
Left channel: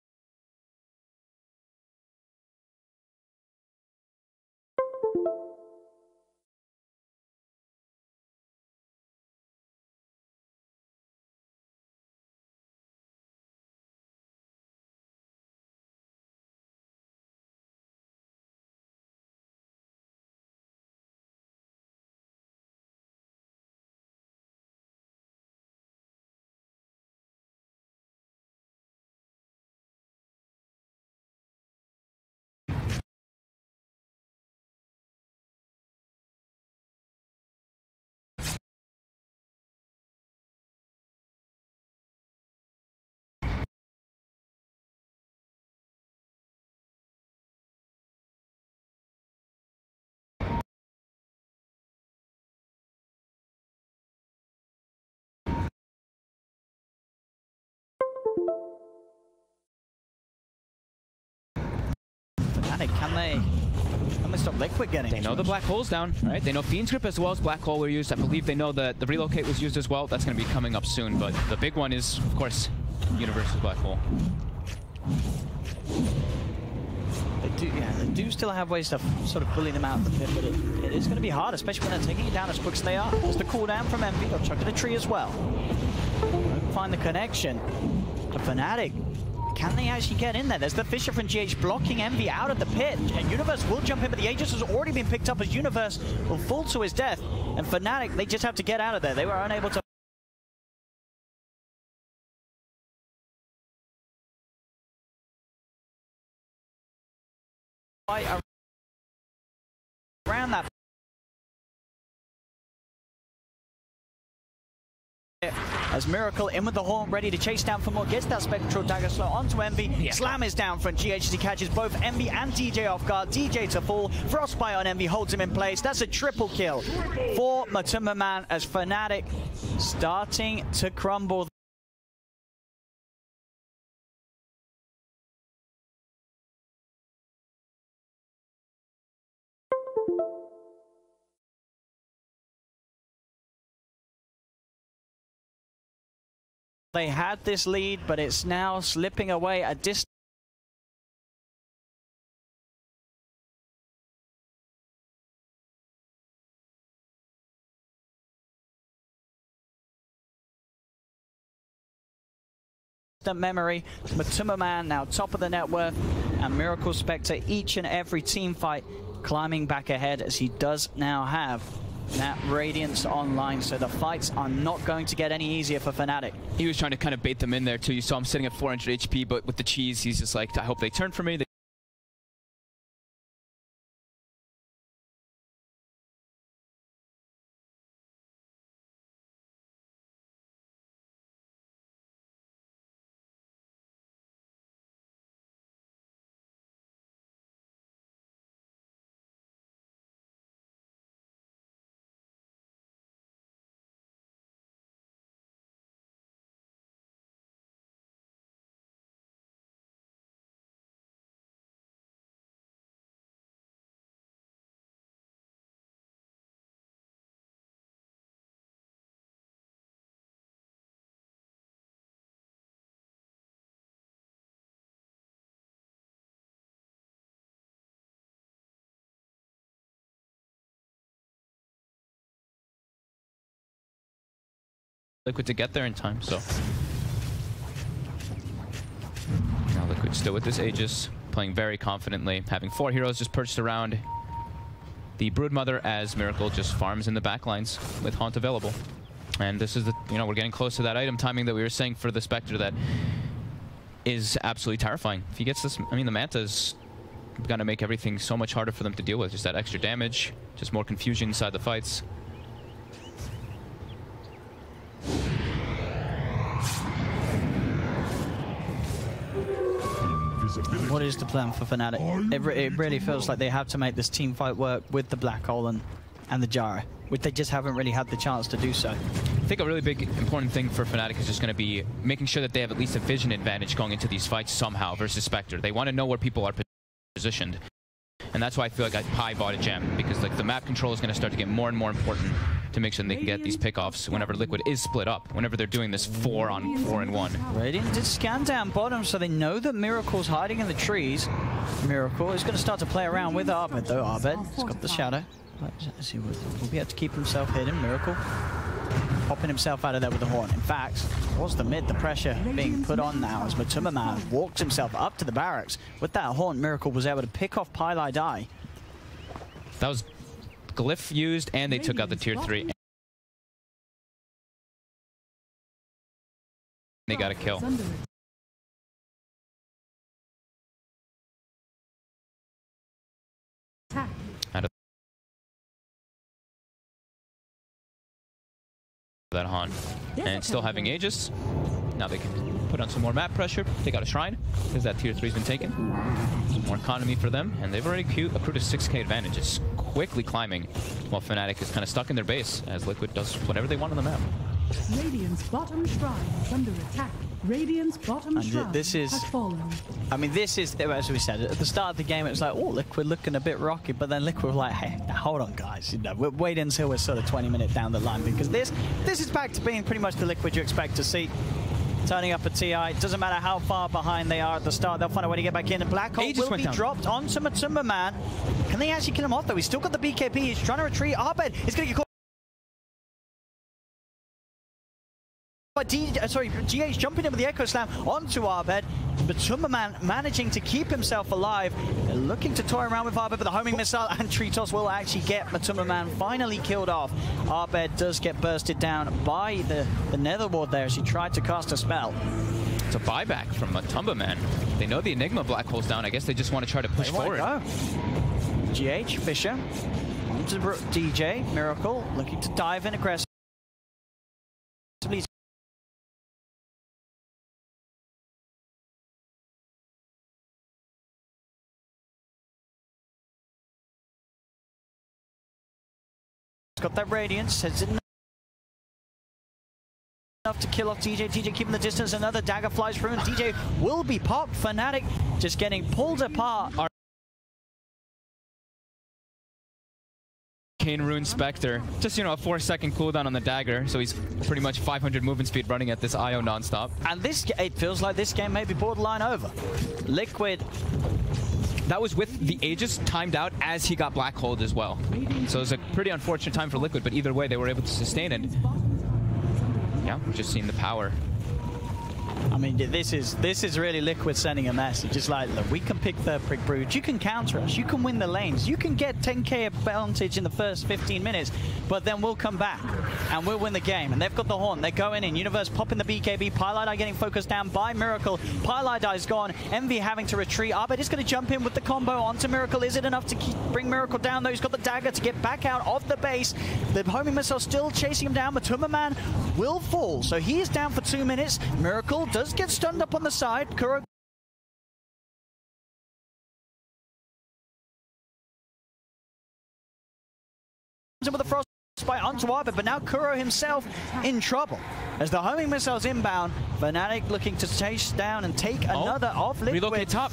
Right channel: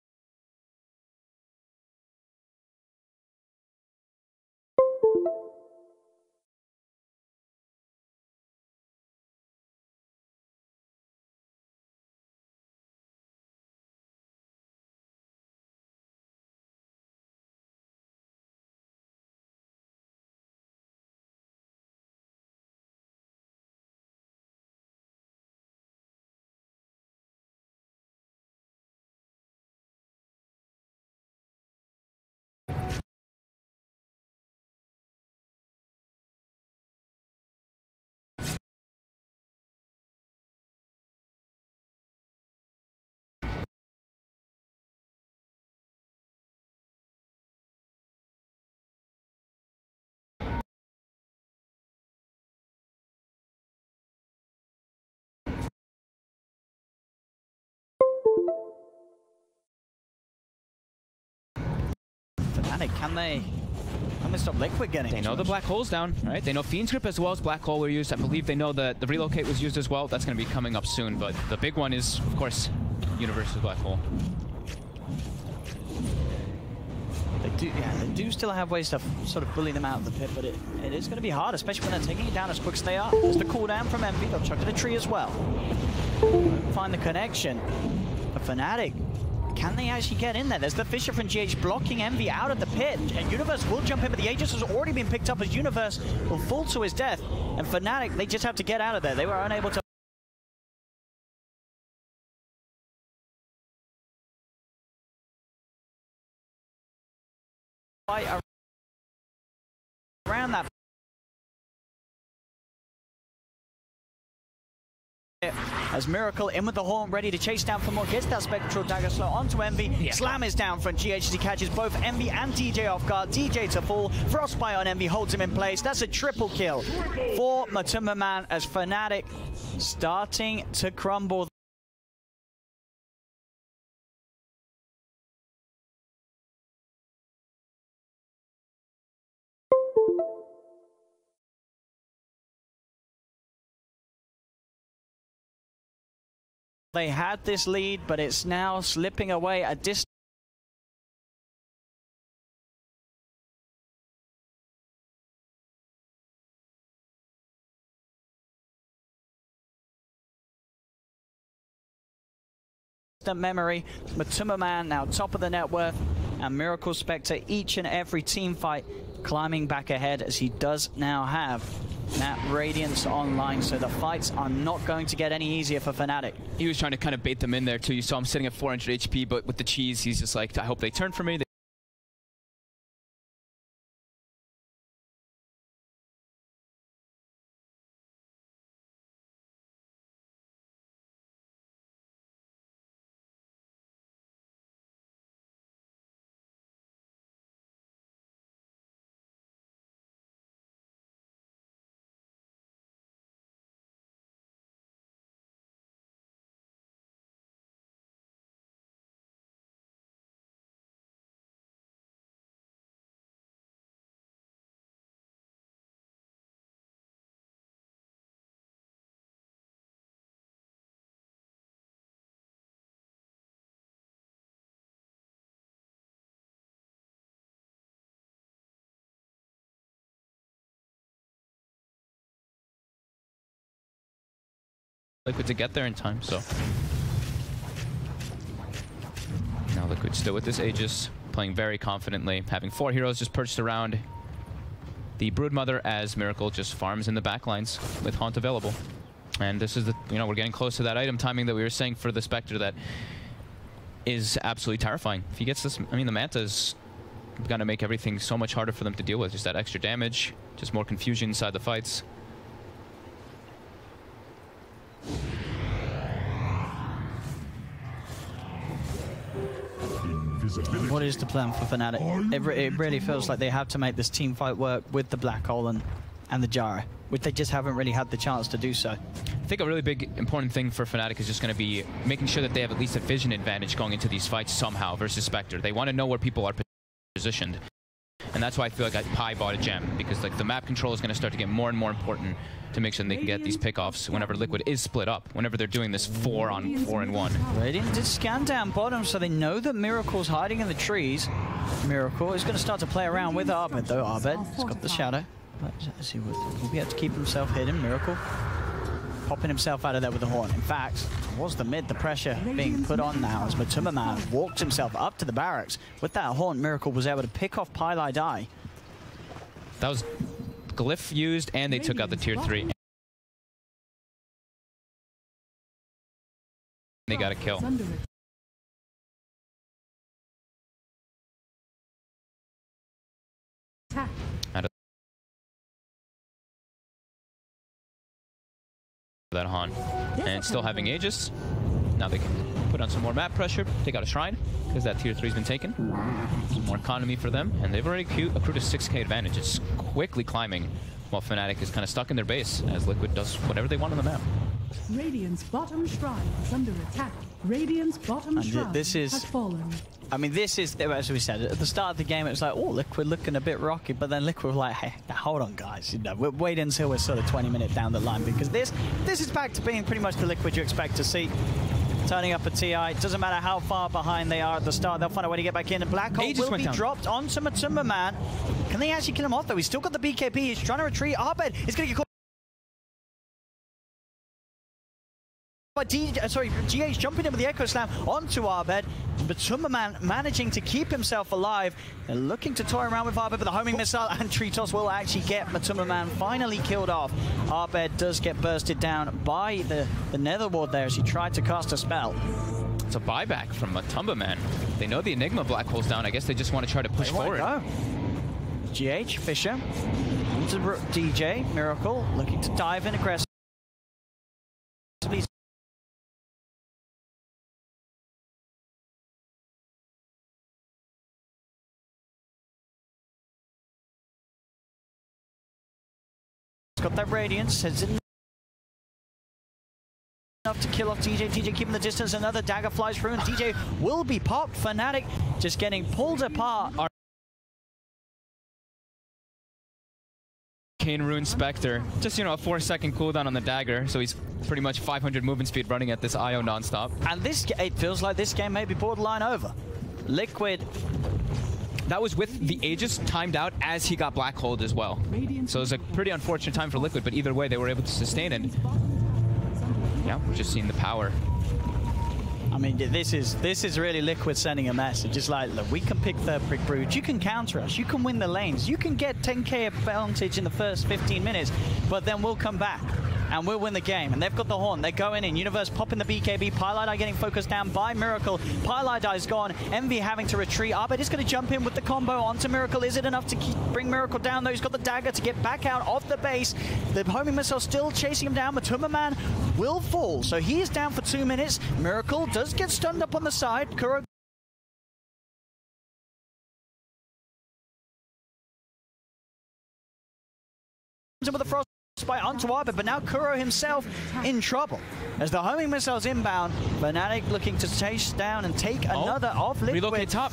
Can they stop Liquid getting? They know the black hole's down, right? They know Fiend's grip as well as black hole were used. I believe they know that the relocate was used as well. That's going to be coming up soon, but the big one is, of course, Universe's black hole. They do still have ways to sort of bully them out of the pit, but it is going to be hard, especially when they're taking it down as quick as they are. There's the cooldown from Envy. They'll chuck at a tree as well. Find the connection. The Fnatic. Can they actually get in there? There's the Fisher from GH blocking Envy out of the pit. And Universe will jump in, but the Aegis has already been picked up as Universe will fall to his death. And Fnatic, they just have to get out of there. They were unable to. Around that. As Miracle in with the horn, ready to chase down for more, gets that Spectral Dagger slot onto Envy. Yeah. Slam is down for GH as he catches both Envy and DJ off guard. DJ to fall, Frostbite on Envy holds him in place. That's a triple kill for Matuma as Fnatic starting to crumble. They had this lead, but it's now slipping away a distant. Memory, but Timmerman now top of the net worth, and Miracle Spectre each and every team fight climbing back ahead as he does now have that Radiance online, so the fights are not going to get any easier for Fnatic. He was trying to kind of bait them in there too. You saw him sitting at 400 HP, but with the cheese, he's just like, I hope they turn for me. Liquid to get there in time, so now Liquid still with this Aegis, playing very confidently, having 4 heroes just perched around. the Broodmother as Miracle just farms in the backlines with Haunt available. And this is the, we're getting close to that item timing that we were saying for the Spectre that is absolutely terrifying. If he gets this, I mean, the Manta's going to make everything so much harder for them to deal with. Just that extra damage, just more confusion inside the fights. What is the plan for Fnatic? It really feels like they have to make this team fight work with the Black Hole and the Jara, which they just haven't really had the chance to do so. I think a really big important thing for Fnatic is just going to be making sure that they have at least a vision advantage going into these fights somehow versus Spectre. They want to know where people are positioned. And that's why I feel like Pi bought a gem, because like the map control is going to start to get more and more important to make sure they can get these pickoffs whenever Liquid is split up, whenever they're doing this 4-on-4-and-1. Radiant did scan down bottom, so they know that Miracle's hiding in the trees. Miracle is going to start to play around with Arbed, though. Arbed has got the shadow. Let's see, he'll be able to keep himself hidden. Miracle popping himself out of there with the horn. In fact, what's the mid? The pressure being put on now as Matumbaman walks himself up to the barracks. With that horn, Miracle was able to pick off Pylai Die. That was Glyph used, and they took out the tier 3. They got a kill. That Han, and still having Aegis. Now they can put on some more map pressure. They got a Shrine because that tier 3's been taken. Some more economy for them, and they've already accrued a 6k advantage. It's quickly climbing while Fnatic is kind of stuck in their base as Liquid does whatever they want on the map. Radiant's bottom shrine is under attack. Radiant's bottom shrine has fallen. I mean, this is, as we said, at the start of the game, it was like, oh, Liquid looking a bit rocky, but then Liquid were like, hey, hold on, guys. We'll wait until we're sort of 20 minutes down the line, because this is back to being pretty much the Liquid you expect to see. Turning up a TI, it doesn't matter how far behind they are at the start, they'll find a way to get back in. The Black Hole will be dropped onto Matumbaman. Can they actually kill him off, though? He's still got the BKB, he's trying to retreat. Arbed is going to get caught. But GH jumping in with the Echo Slam onto Arbed, but Matumbaman managing to keep himself alive. They're looking to toy around with Arbed, but the homing missile and Tritos will actually get Matumbaman finally killed off. Arbed does get bursted down by the Nether Ward there as he tried to cast a spell. It's a buyback from Matumbaman. They know the Enigma Black Hole's down. I guess they just want to try to push forward. GH, Fisher, onto DJ, Miracle, looking to dive in aggressively. Got that Radiance, has enough to kill off DJ. DJ keeping the distance, another dagger flies through, and DJ will be popped. Fnatic just getting pulled apart. Arcane Rune Spectre, just a 4-second cooldown on the dagger, so he's pretty much 500 movement speed running at this IO non-stop. And it feels like this game may be borderline over. Liquid. That was with the Aegis timed out as he got Black Holed as well. So it was a pretty unfortunate time for Liquid, but either way they were able to sustain it. Yeah, we're just seeing the power. I mean, this is really Liquid sending a message. Just like, look, we can pick the Prick Brood, you can counter us, you can win the lanes, you can get 10k advantage in the first 15 minutes, but then we'll come back and we'll win the game. And they've got the horn, they're going in. Universe popping the BKB, Pylai getting focused down by Miracle. Pylai is gone, Envy having to retreat. Arbed is going to jump in with the combo onto Miracle. Is it enough to bring Miracle down, though? He's got the dagger to get back out of the base. The homing missile still chasing him down. Matumbaman will fall, so he's down for 2 minutes. Miracle does get stunned up on the side. Kuro with a frost spite onto Arbed, but now Kuro himself in trouble. As the homing missile's inbound, Fnatic looking to chase down and take another off Liquid. Relocate top.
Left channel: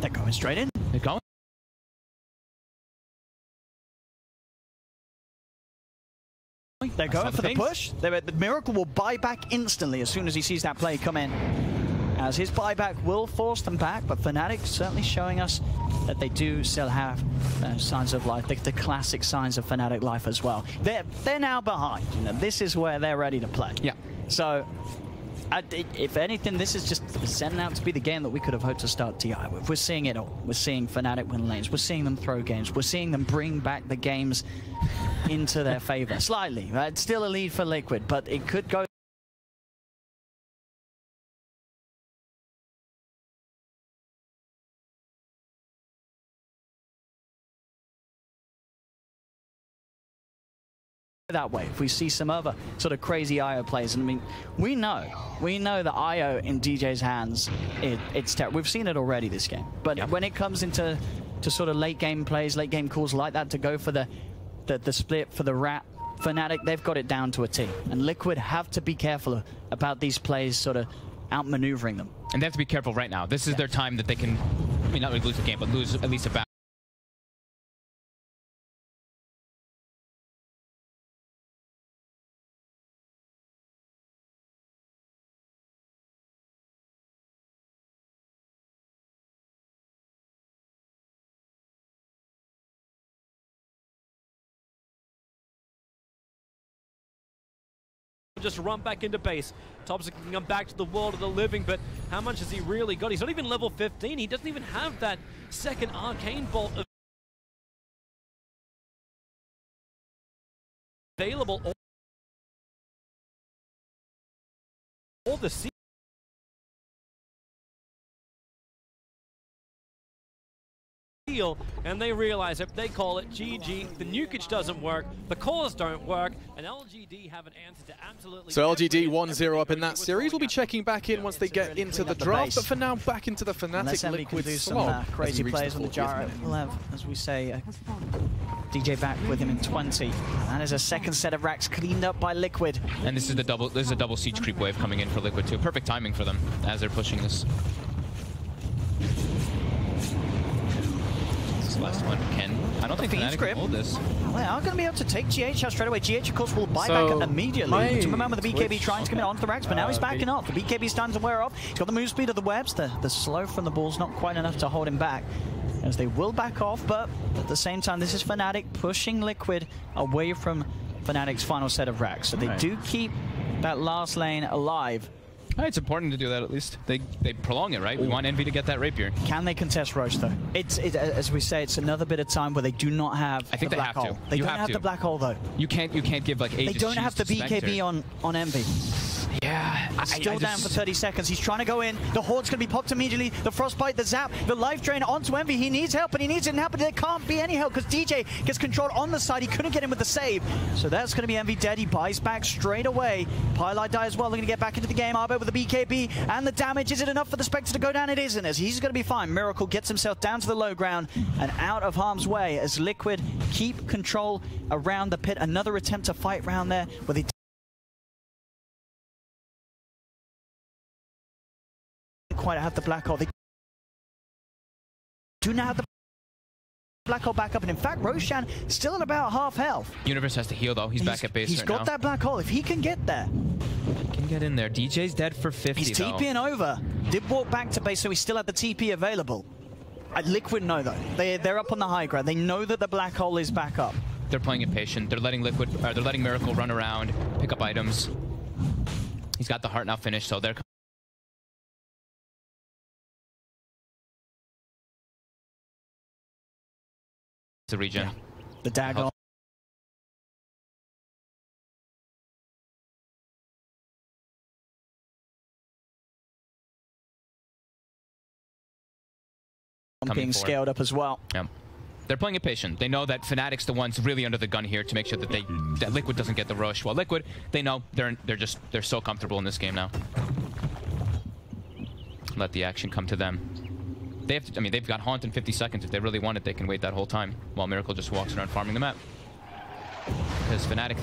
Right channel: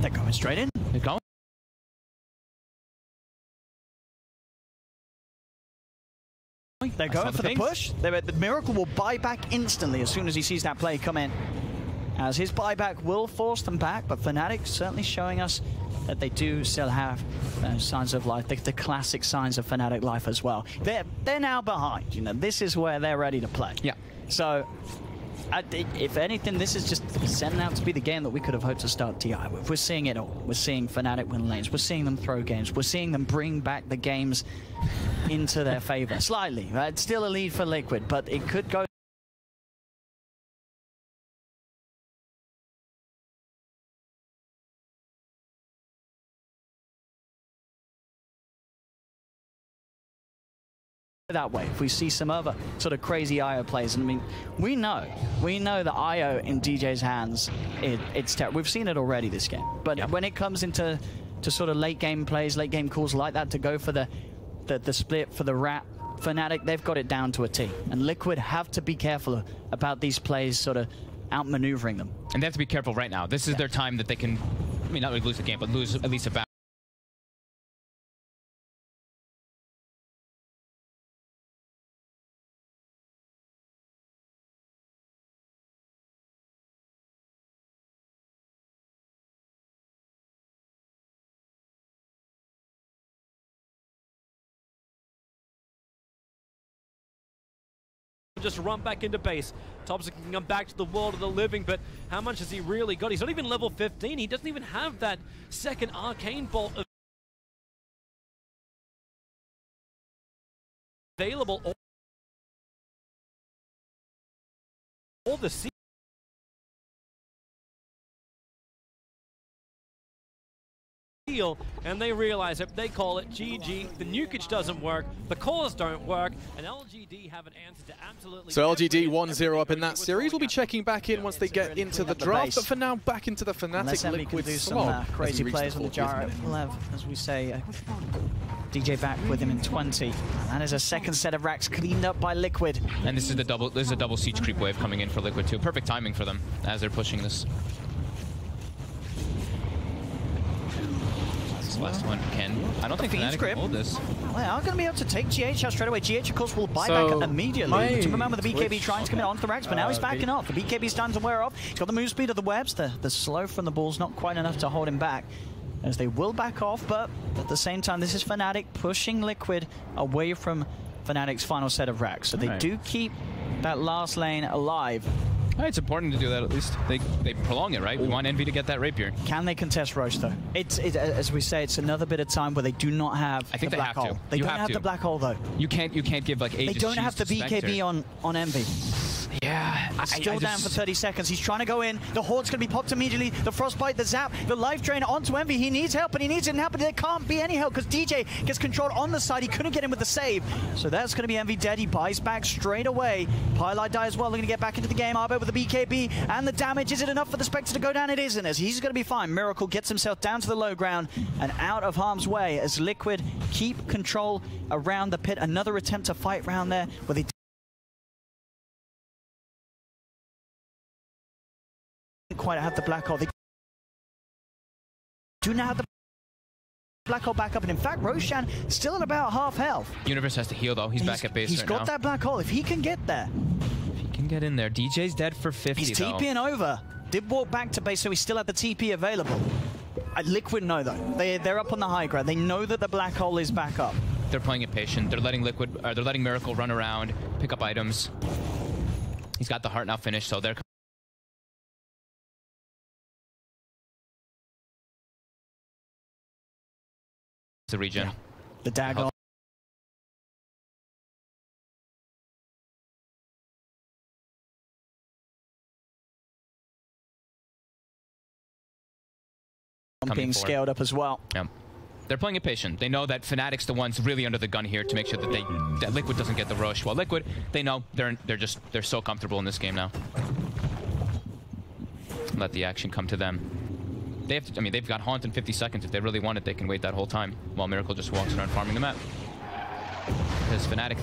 They're going straight in. They're going. They're going for the push. The Miracle will buy back instantly as soon as he sees that play come in. As his buyback will force them back, but Fnatic certainly showing us that they do still have signs of life, the classic signs of Fnatic life as well. They're now behind. This is where they're ready to play. Yeah. So If anything, this is just setting out to be the game that we could have hoped to start TI with. We're seeing it all. We're seeing Fnatic win lanes. We're seeing them throw games. We're seeing them bring back the games into their favor. Slightly. It's still a lead for Liquid, but it could go that way. If we see some other sort of crazy IO plays, and I mean, we know that IO in DJ's hands, it's terrible. We've seen it already this game. But when it comes into sort of late game plays, late game calls like that, to go for the split for the wrap, Fnatic, they've got it down to a T. And Liquid have to be careful about these plays, sort of outmaneuvering them. And they have to be careful right now. This is their time that they can, I mean, not really lose the game, but lose at least a battle. Just run back into base. Thompson can come back to the world of the living, but how much has he really got? He's not even level 15. He doesn't even have that second arcane bolt available. All the and they realize it. They call it GG. The nukage doesn't work. The cores don't work. And LGD have an answer to absolutely. So LGD 1-0 up in that series. We'll be checking back in once they get into the draft. But for now, back into the Fnatic Liquid slog as we reach the 40th minute. We'll have, as we say, DJ back with him in 20. That is a second set of racks cleaned up by Liquid. And this is a double siege creep wave coming in for Liquid too. Perfect timing for them as they're pushing this. Last one, Ken. I don't think Fnatic can hold this. Well, they are going to be able to take GH out straight away. GH, of course, will buy back up immediately. To remember the BKB trying to come in onto the racks, but now he's backing off. The BKB starting to wear off. He's got the move speed of the webs. The slow from the ball's not quite enough to hold him back, as they will back off, but at the same time, this is Fnatic pushing Liquid away from Fnatic's final set of racks. So they do keep that last lane alive. It's important to do that at least. They prolong it, right? We want Envy to get that rapier. Can they contest Roche though? It's as we say, it's another bit of time where they do not have the black hole. They don't have the black hole though. You can't give like ages. They don't have the BKB on Envy. Yeah, still down for 30 seconds. He's trying to go in. The Horde's going to be popped immediately. The Frostbite, the Zap, the Life Drain onto Envy. He needs help, and he needs it now, but there can't be any help because DJ gets controlled on the side. He couldn't get in with the save. So that's going to be Envy dead. He buys back straight away. Pylite die as well. They're going to get back into the game. Arbit with the BKB and the damage. Is it enough for the Spectre to go down? It isn't, as he's going to be fine. Miracle gets himself down to the low ground and out of harm's way as Liquid keep control around the pit. Another attempt to fight round there where they quite have the black hole. They do now have the black hole back up, and in fact, Roshan still at about half health. Universe has to heal though. He's back at base. He's got that black hole. If he can get there, he can get in there. DJ's dead for 50. He's TPing over. Did walk back to base, so he still had the TP available. Liquid know though. They're up on the high ground. They know that the black hole is back up. They're playing it patient. They're letting they're letting Miracle run around, pick up items. He's got the heart now finished, so they're the regen. The dagger. Being scaled up as well. Yeah. They're playing it patient. They know that Fnatic's the ones really under the gun here to make sure that that Liquid doesn't get the rush. While Liquid, they know they're so comfortable in this game now. Let the action come to them. They have to, I mean, they've got Haunt in 50 seconds. If they really want it, they can wait that whole time while Miracle just walks around farming the map. Because Fnatic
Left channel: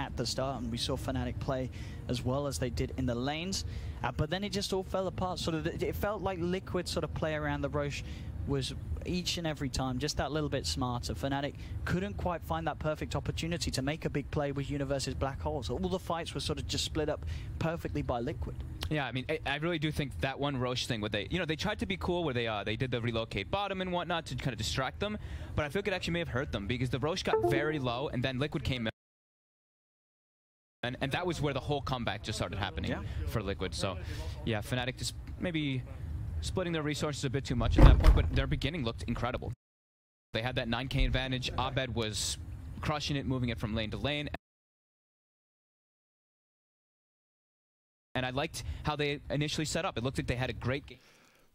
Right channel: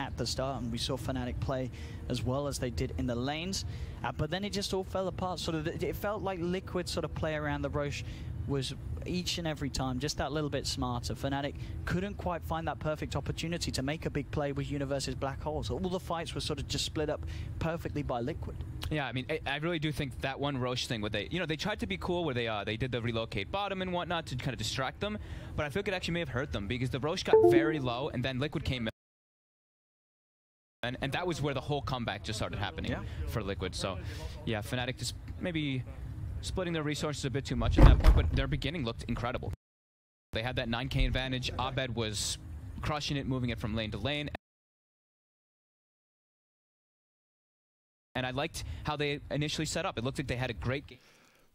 at the start, and we saw Fnatic play as well as they did in the lanes. But then it just all fell apart. Sort of, it felt like Liquid sort of play around the Roche was each and every time just that little bit smarter. Fnatic couldn't quite find that perfect opportunity to make a big play with Universe's black holes. All the fights were sort of just split up perfectly by Liquid. Yeah, I mean, I really do think that one Roche thing where they tried to be cool where they did the relocate bottom and whatnot to kind of distract them, but I feel like it actually may have hurt them because the Roche got very low and then Liquid came in. And that was where the whole comeback just started happening for Liquid. So, yeah, Fnatic just maybe splitting their resources a bit too much at that point, but their beginning looked incredible. They had that 9K advantage. Abed was crushing it, moving it from lane to lane. And I liked how they initially set up. It looked like they had a great game.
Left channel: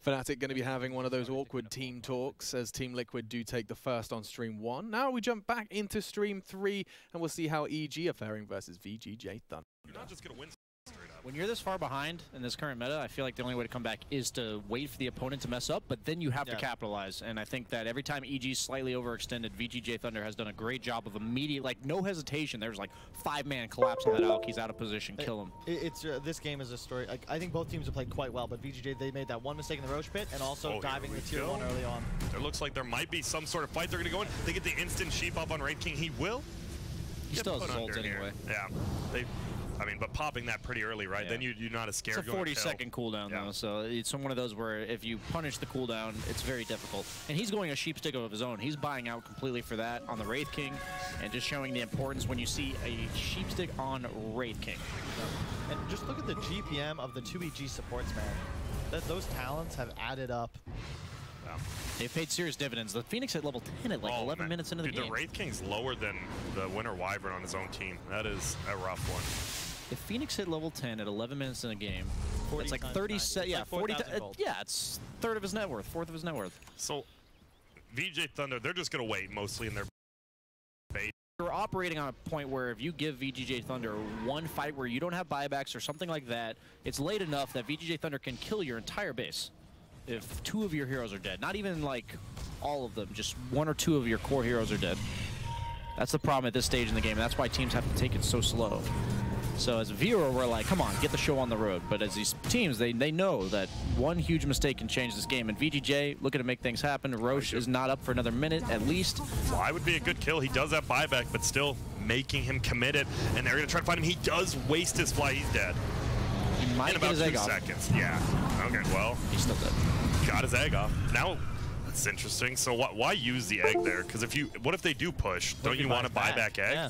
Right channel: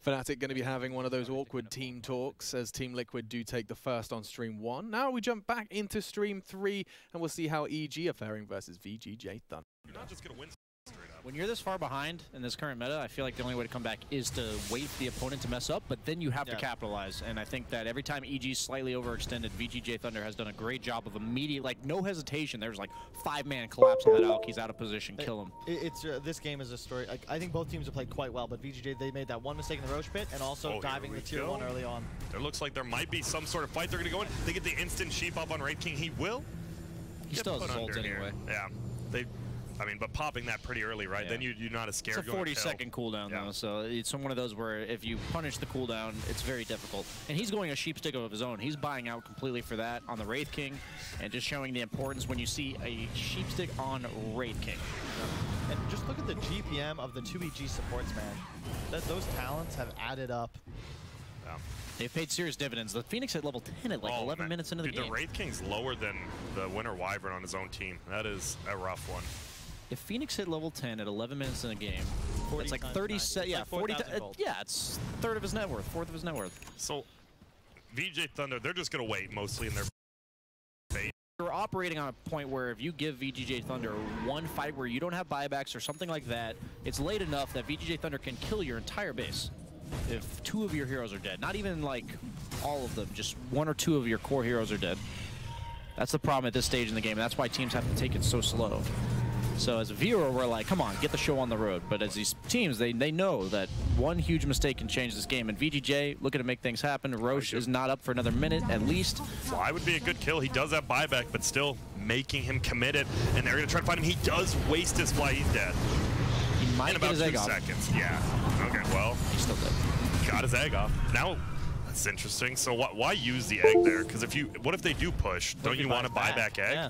Fnatic going to be having one of those awkward team talks as Team Liquid do take the first on Stream 1. Now we jump back into Stream 3 and we'll see how EG are faring versus VGJ Thunder. You're not just going to win straight up. When you're this far behind in this current meta, I feel like the only way to come back is to wait for the opponent to mess up, but then you have to capitalize. And I think that every time EG's slightly overextended, VGJ Thunder has done a great job of immediate, like no hesitation. There's like 5-man collapse on that Alk. He's out of position, kill him. This game is a story. Like, I think both teams have played quite well, but VGJ, they made that one mistake in the Roche pit and also diving the tier 1 early on. It looks like there might be some sort of fight they're going to go in. They get the instant sheep up on Wraith King. He will. He still has his ult anyway. Yeah. But popping that pretty early, right? Then you're not as scared. It's a 40-second cooldown, though, so it's one of those where if you punish the cooldown, it's very difficult. And he's going a sheep stick of his own. He's buying out completely for that on the Wraith King, and just showing the importance when you see a sheep stick on Wraith King. And just look at the GPM of the 2 EG supports, man. Those talents have added up. They've paid serious dividends. The Phoenix hit level 10 at like 11 minutes into the game. The Wraith King's lower than the Winter Wyvern on his own team. That is a rough one. If Phoenix hit level 10 at 11 minutes in a game, it's like 30 cents. Yeah, 40. Yeah, it's third of his net worth, fourth of his net worth. So, VJ Thunder, they're just going to wait mostly in their base. You're operating on a point where if you give VGJ Thunder one fight where you don't have buybacks or something like that, it's late enough that VGJ Thunder can kill your entire base. If 2 of your heroes are dead, not even like all of them, just 1 or 2 of your core heroes are dead. That's the problem at this stage in the game. That's why teams have to take it so slow. So as a viewer, we're like, come on, get the show on the road. But as these teams, they know that one huge mistake can change this game. And VGJ looking to make things happen. Roche is not up for another minute at least. Fly would be a good kill. He does have buyback, but still making him committed. And they're going to try to find him. He does waste his fly. He's dead. He might in get about his egg 2 off. seconds. Yeah. Okay, well. He's still dead. Got his egg off. Now, that's interesting. So why use the egg there? Because what if they do push? Don't you want a buyback egg? Yeah.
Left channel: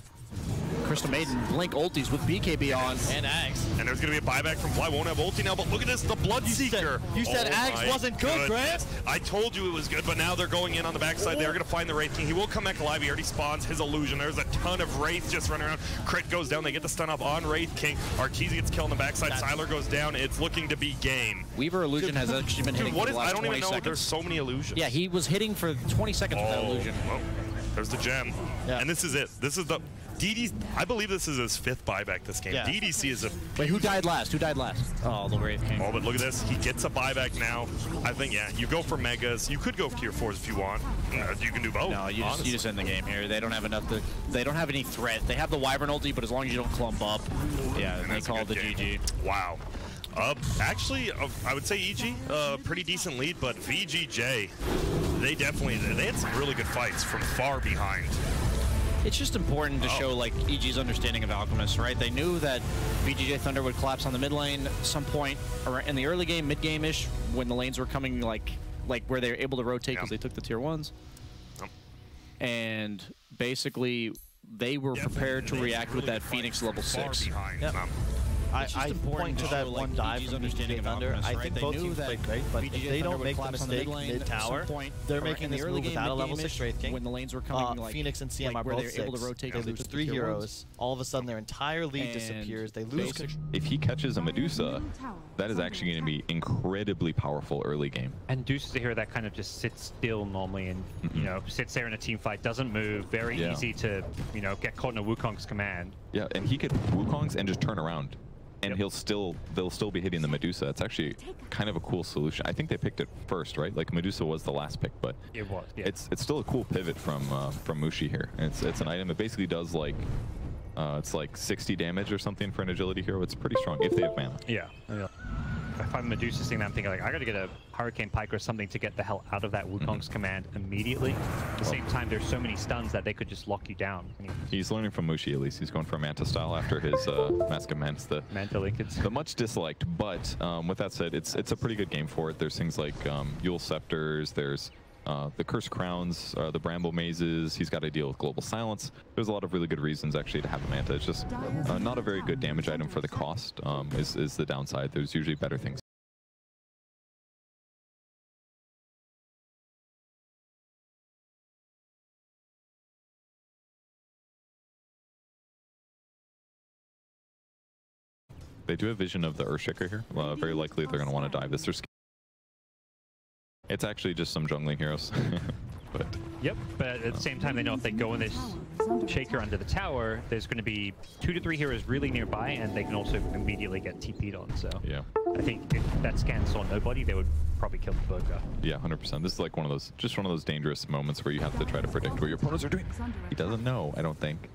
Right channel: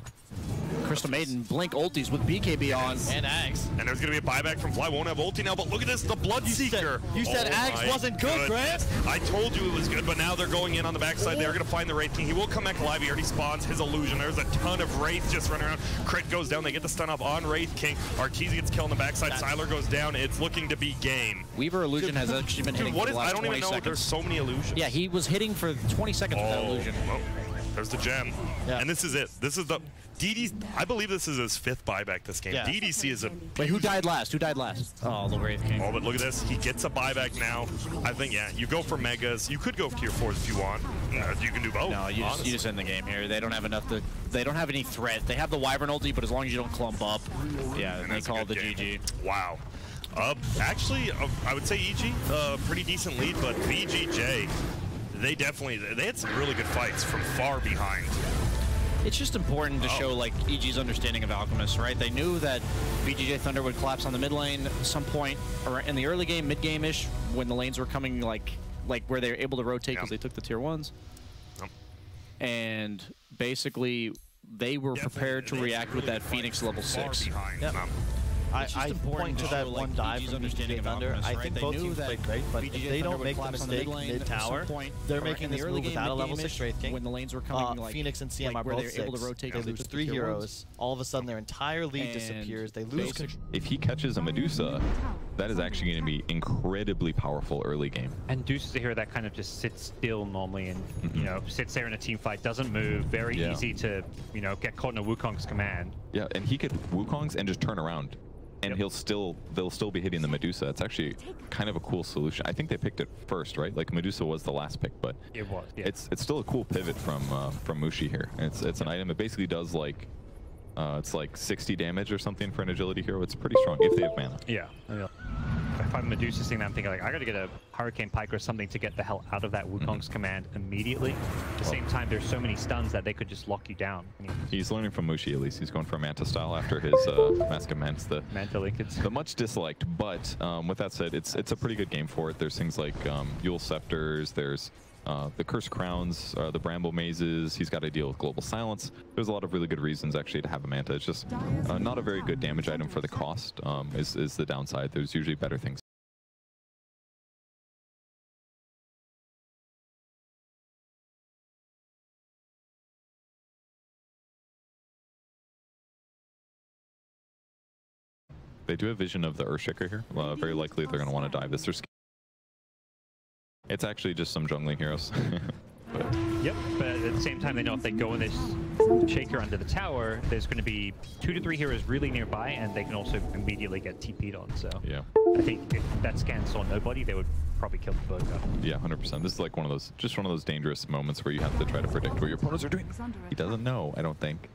Crystal Maiden, Blink ultis with BKB on. And Axe. And there's going to be a buyback from Fly. Won't have ulti now, but look at this, the Bloodseeker. You said Axe wasn't good, Grant. I told you it was good, but now they're going in on the backside. They're going to find the Wraith King. He will come back alive. He already spawns his illusion. There's a ton of Wraiths just running around. Crit goes down. They get the stun up on Wraith King. Arkeezy gets killed on the backside. Sylar goes down. It's looking to be game. Weaver illusion has actually been hitting for the last 20 seconds. I don't even know. There's so many illusions. Yeah, he was hitting for 20 seconds with that illusion. Well, there's the gem. Yeah. And this is it. This is the... DD, I believe this is his 5th buyback this game. Yeah. DDC is a... Wait, who died last? Who died last? Oh, the Wraith King. Oh, but look at this. He gets a buyback now. I think, yeah, you go for Megas. You could go for Tier 4s if you want. You can do both. No, you just end the game here. They don't have enough to... They don't have any threat. They have the Wyvern ulti, but as long as you don't clump up, yeah, and they call it the GG. Wow. Actually, I would say EG, pretty decent lead, but VGJ, they had some really good fights from far behind. It's just important to show like EG's understanding of Alchemist, right? They knew that VGJ Thunder would collapse on the mid lane at some point in the early game, mid-game-ish, when the lanes were coming like where they were able to rotate because they took the tier 1s. And basically, they were prepared to react with that Phoenix level 6. I point to that one dive from VGJ Thunder. I think both teams played great, but if they don't make the mistake mid-tower, they're making this move without a level 6 Wraith King. When the lanes were coming, Phoenix and CM are both 6. They lose 3 heroes. All of a sudden, their entire lead disappears. They lose control. If he catches a Medusa, that is actually going to be incredibly powerful early game. And Deuce is a hero that kind of just sits still normally and, you know, sits there in a team fight, doesn't move, very easy to, you know, get caught in a Wukong's command. Yeah, and he could Wukong's and just turn around. And they'll still be hitting the Medusa. It's actually kind of a cool solution. I think they picked it first, right? Like Medusa was the last pick, but it was. Yeah. It's still a cool pivot from Mushi here. And it's an item that basically does like It's like 60 damage or something for an agility hero. It's pretty strong if they have mana. Yeah. If I'm Medusa's thing, I'm thinking like I gotta get a Hurricane Pike or something to get the hell out of that Wukong's command immediately. At the same time, there's so many stuns that they could just lock you down. He's learning from Mushi at least. He's going for Manta style after his Mask of Mance, the much disliked. But with that said, it's a pretty good game for it. There's things like Yule Scepters. There's the Cursed Crowns, the Bramble Mazes. He's got to deal with Global Silence. There's a lot of really good reasons actually to have a Manta. It's just not a very good damage item for the cost is the downside. There's usually better things. They do have vision of the Earthshaker here. Very likely they're going to want to dive this. It's actually just some jungling heroes. But yep, but at the same time, they know if they go in this Shaker under the tower, there's going to be 2 to 3 heroes really nearby, and they can also immediately get TP'd on. So yeah, I think if that scan saw nobody, they would probably kill the Burger. Yeah, 100%. This is like one of those dangerous moments where you have to try to predict what your opponents are doing. He doesn't know, I don't think.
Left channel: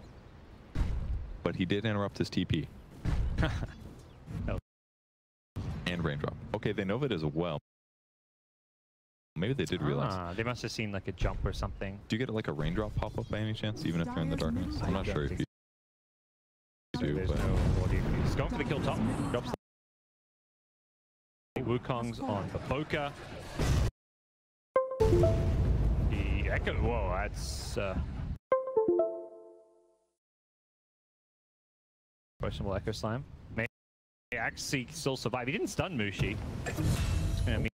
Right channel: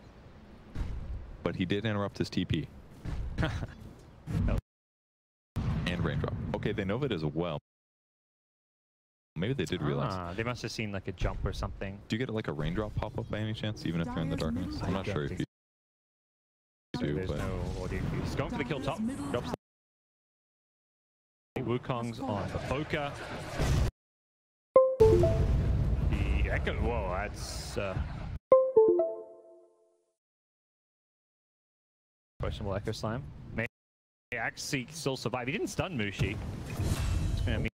But he did interrupt his TP. And raindrop. Okay, they know of it as well. Maybe they did realize. They must have seen like a jump or something. Do you get like a raindrop pop up by any chance, even if they're in the darkness? I'm not sure if you do. There's no audio. He's going for the kill top. Drops the Wukong's on the Boca. The Echo. Whoa, that's questionable Echo Slam. May actually still survive. He didn't stun Mushi. It's gonna mean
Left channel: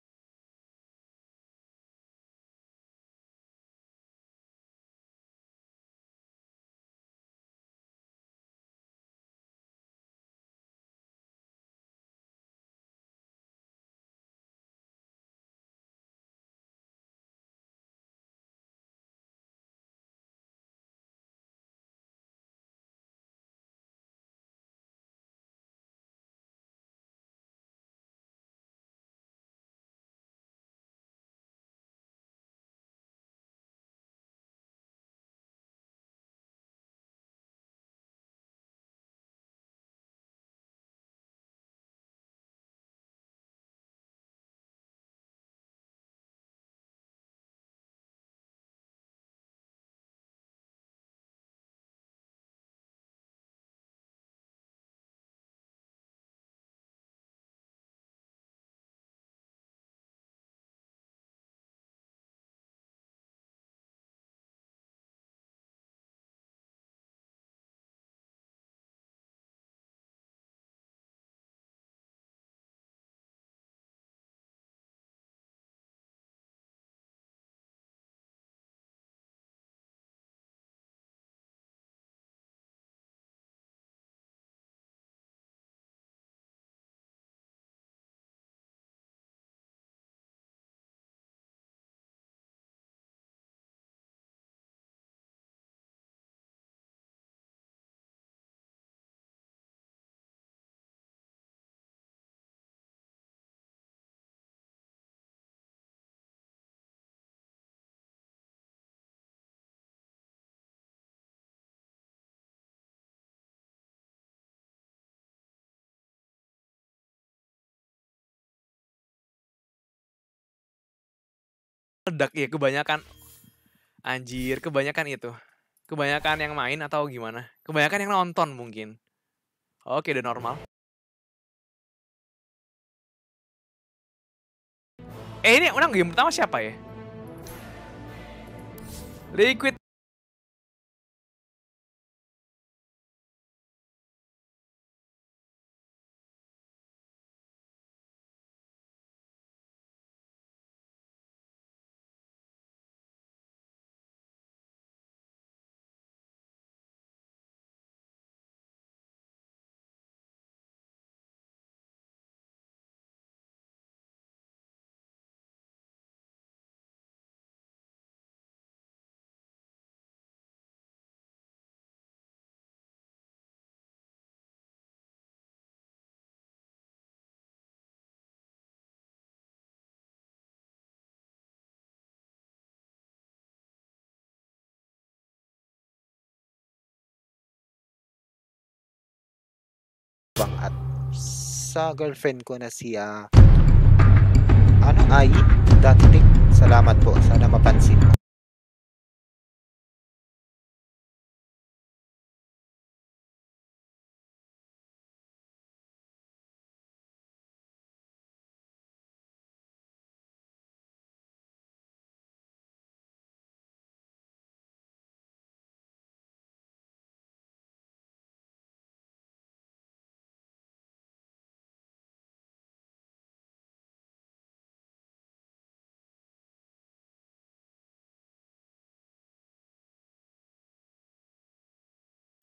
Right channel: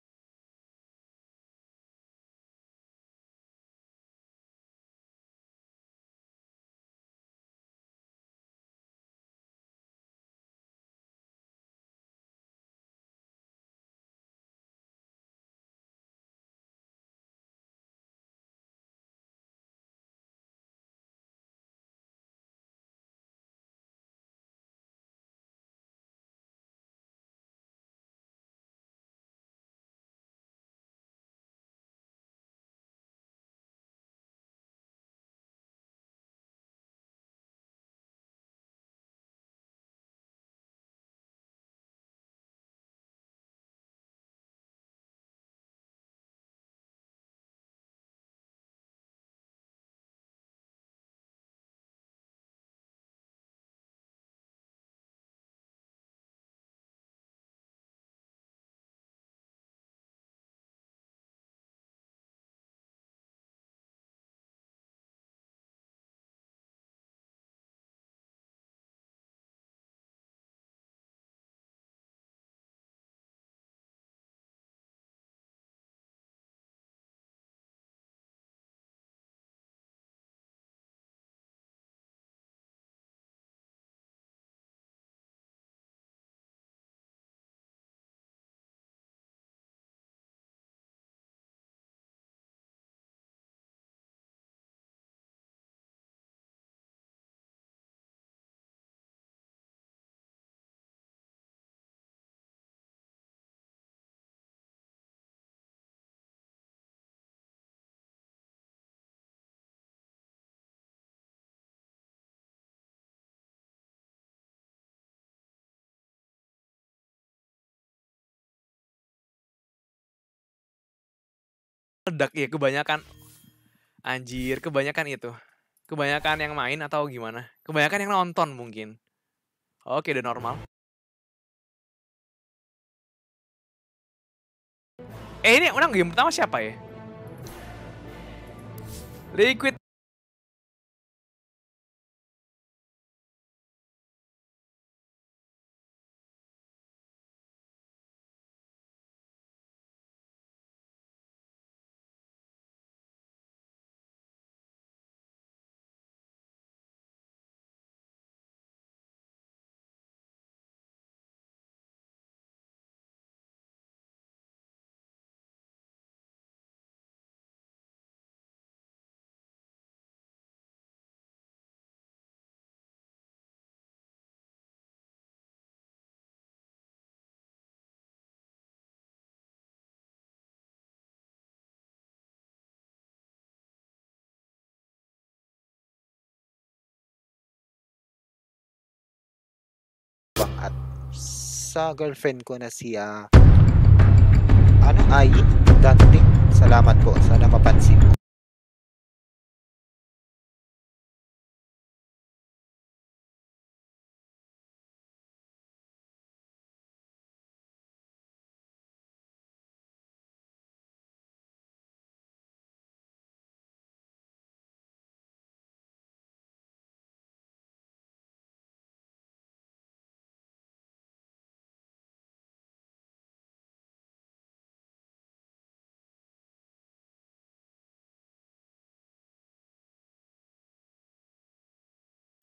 Ledak ya kebanyakan. Anjir, kebanyakan itu. Kebanyakan yang main atau gimana? Kebanyakan yang nonton mungkin. Oke, udah normal. Ini udah game pertama siapa ya? Liquid tabang at sa girlfriend ko na si Ai Dantik. Salamat po. Sana mapansin mo.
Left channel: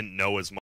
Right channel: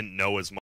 Didn't know as much.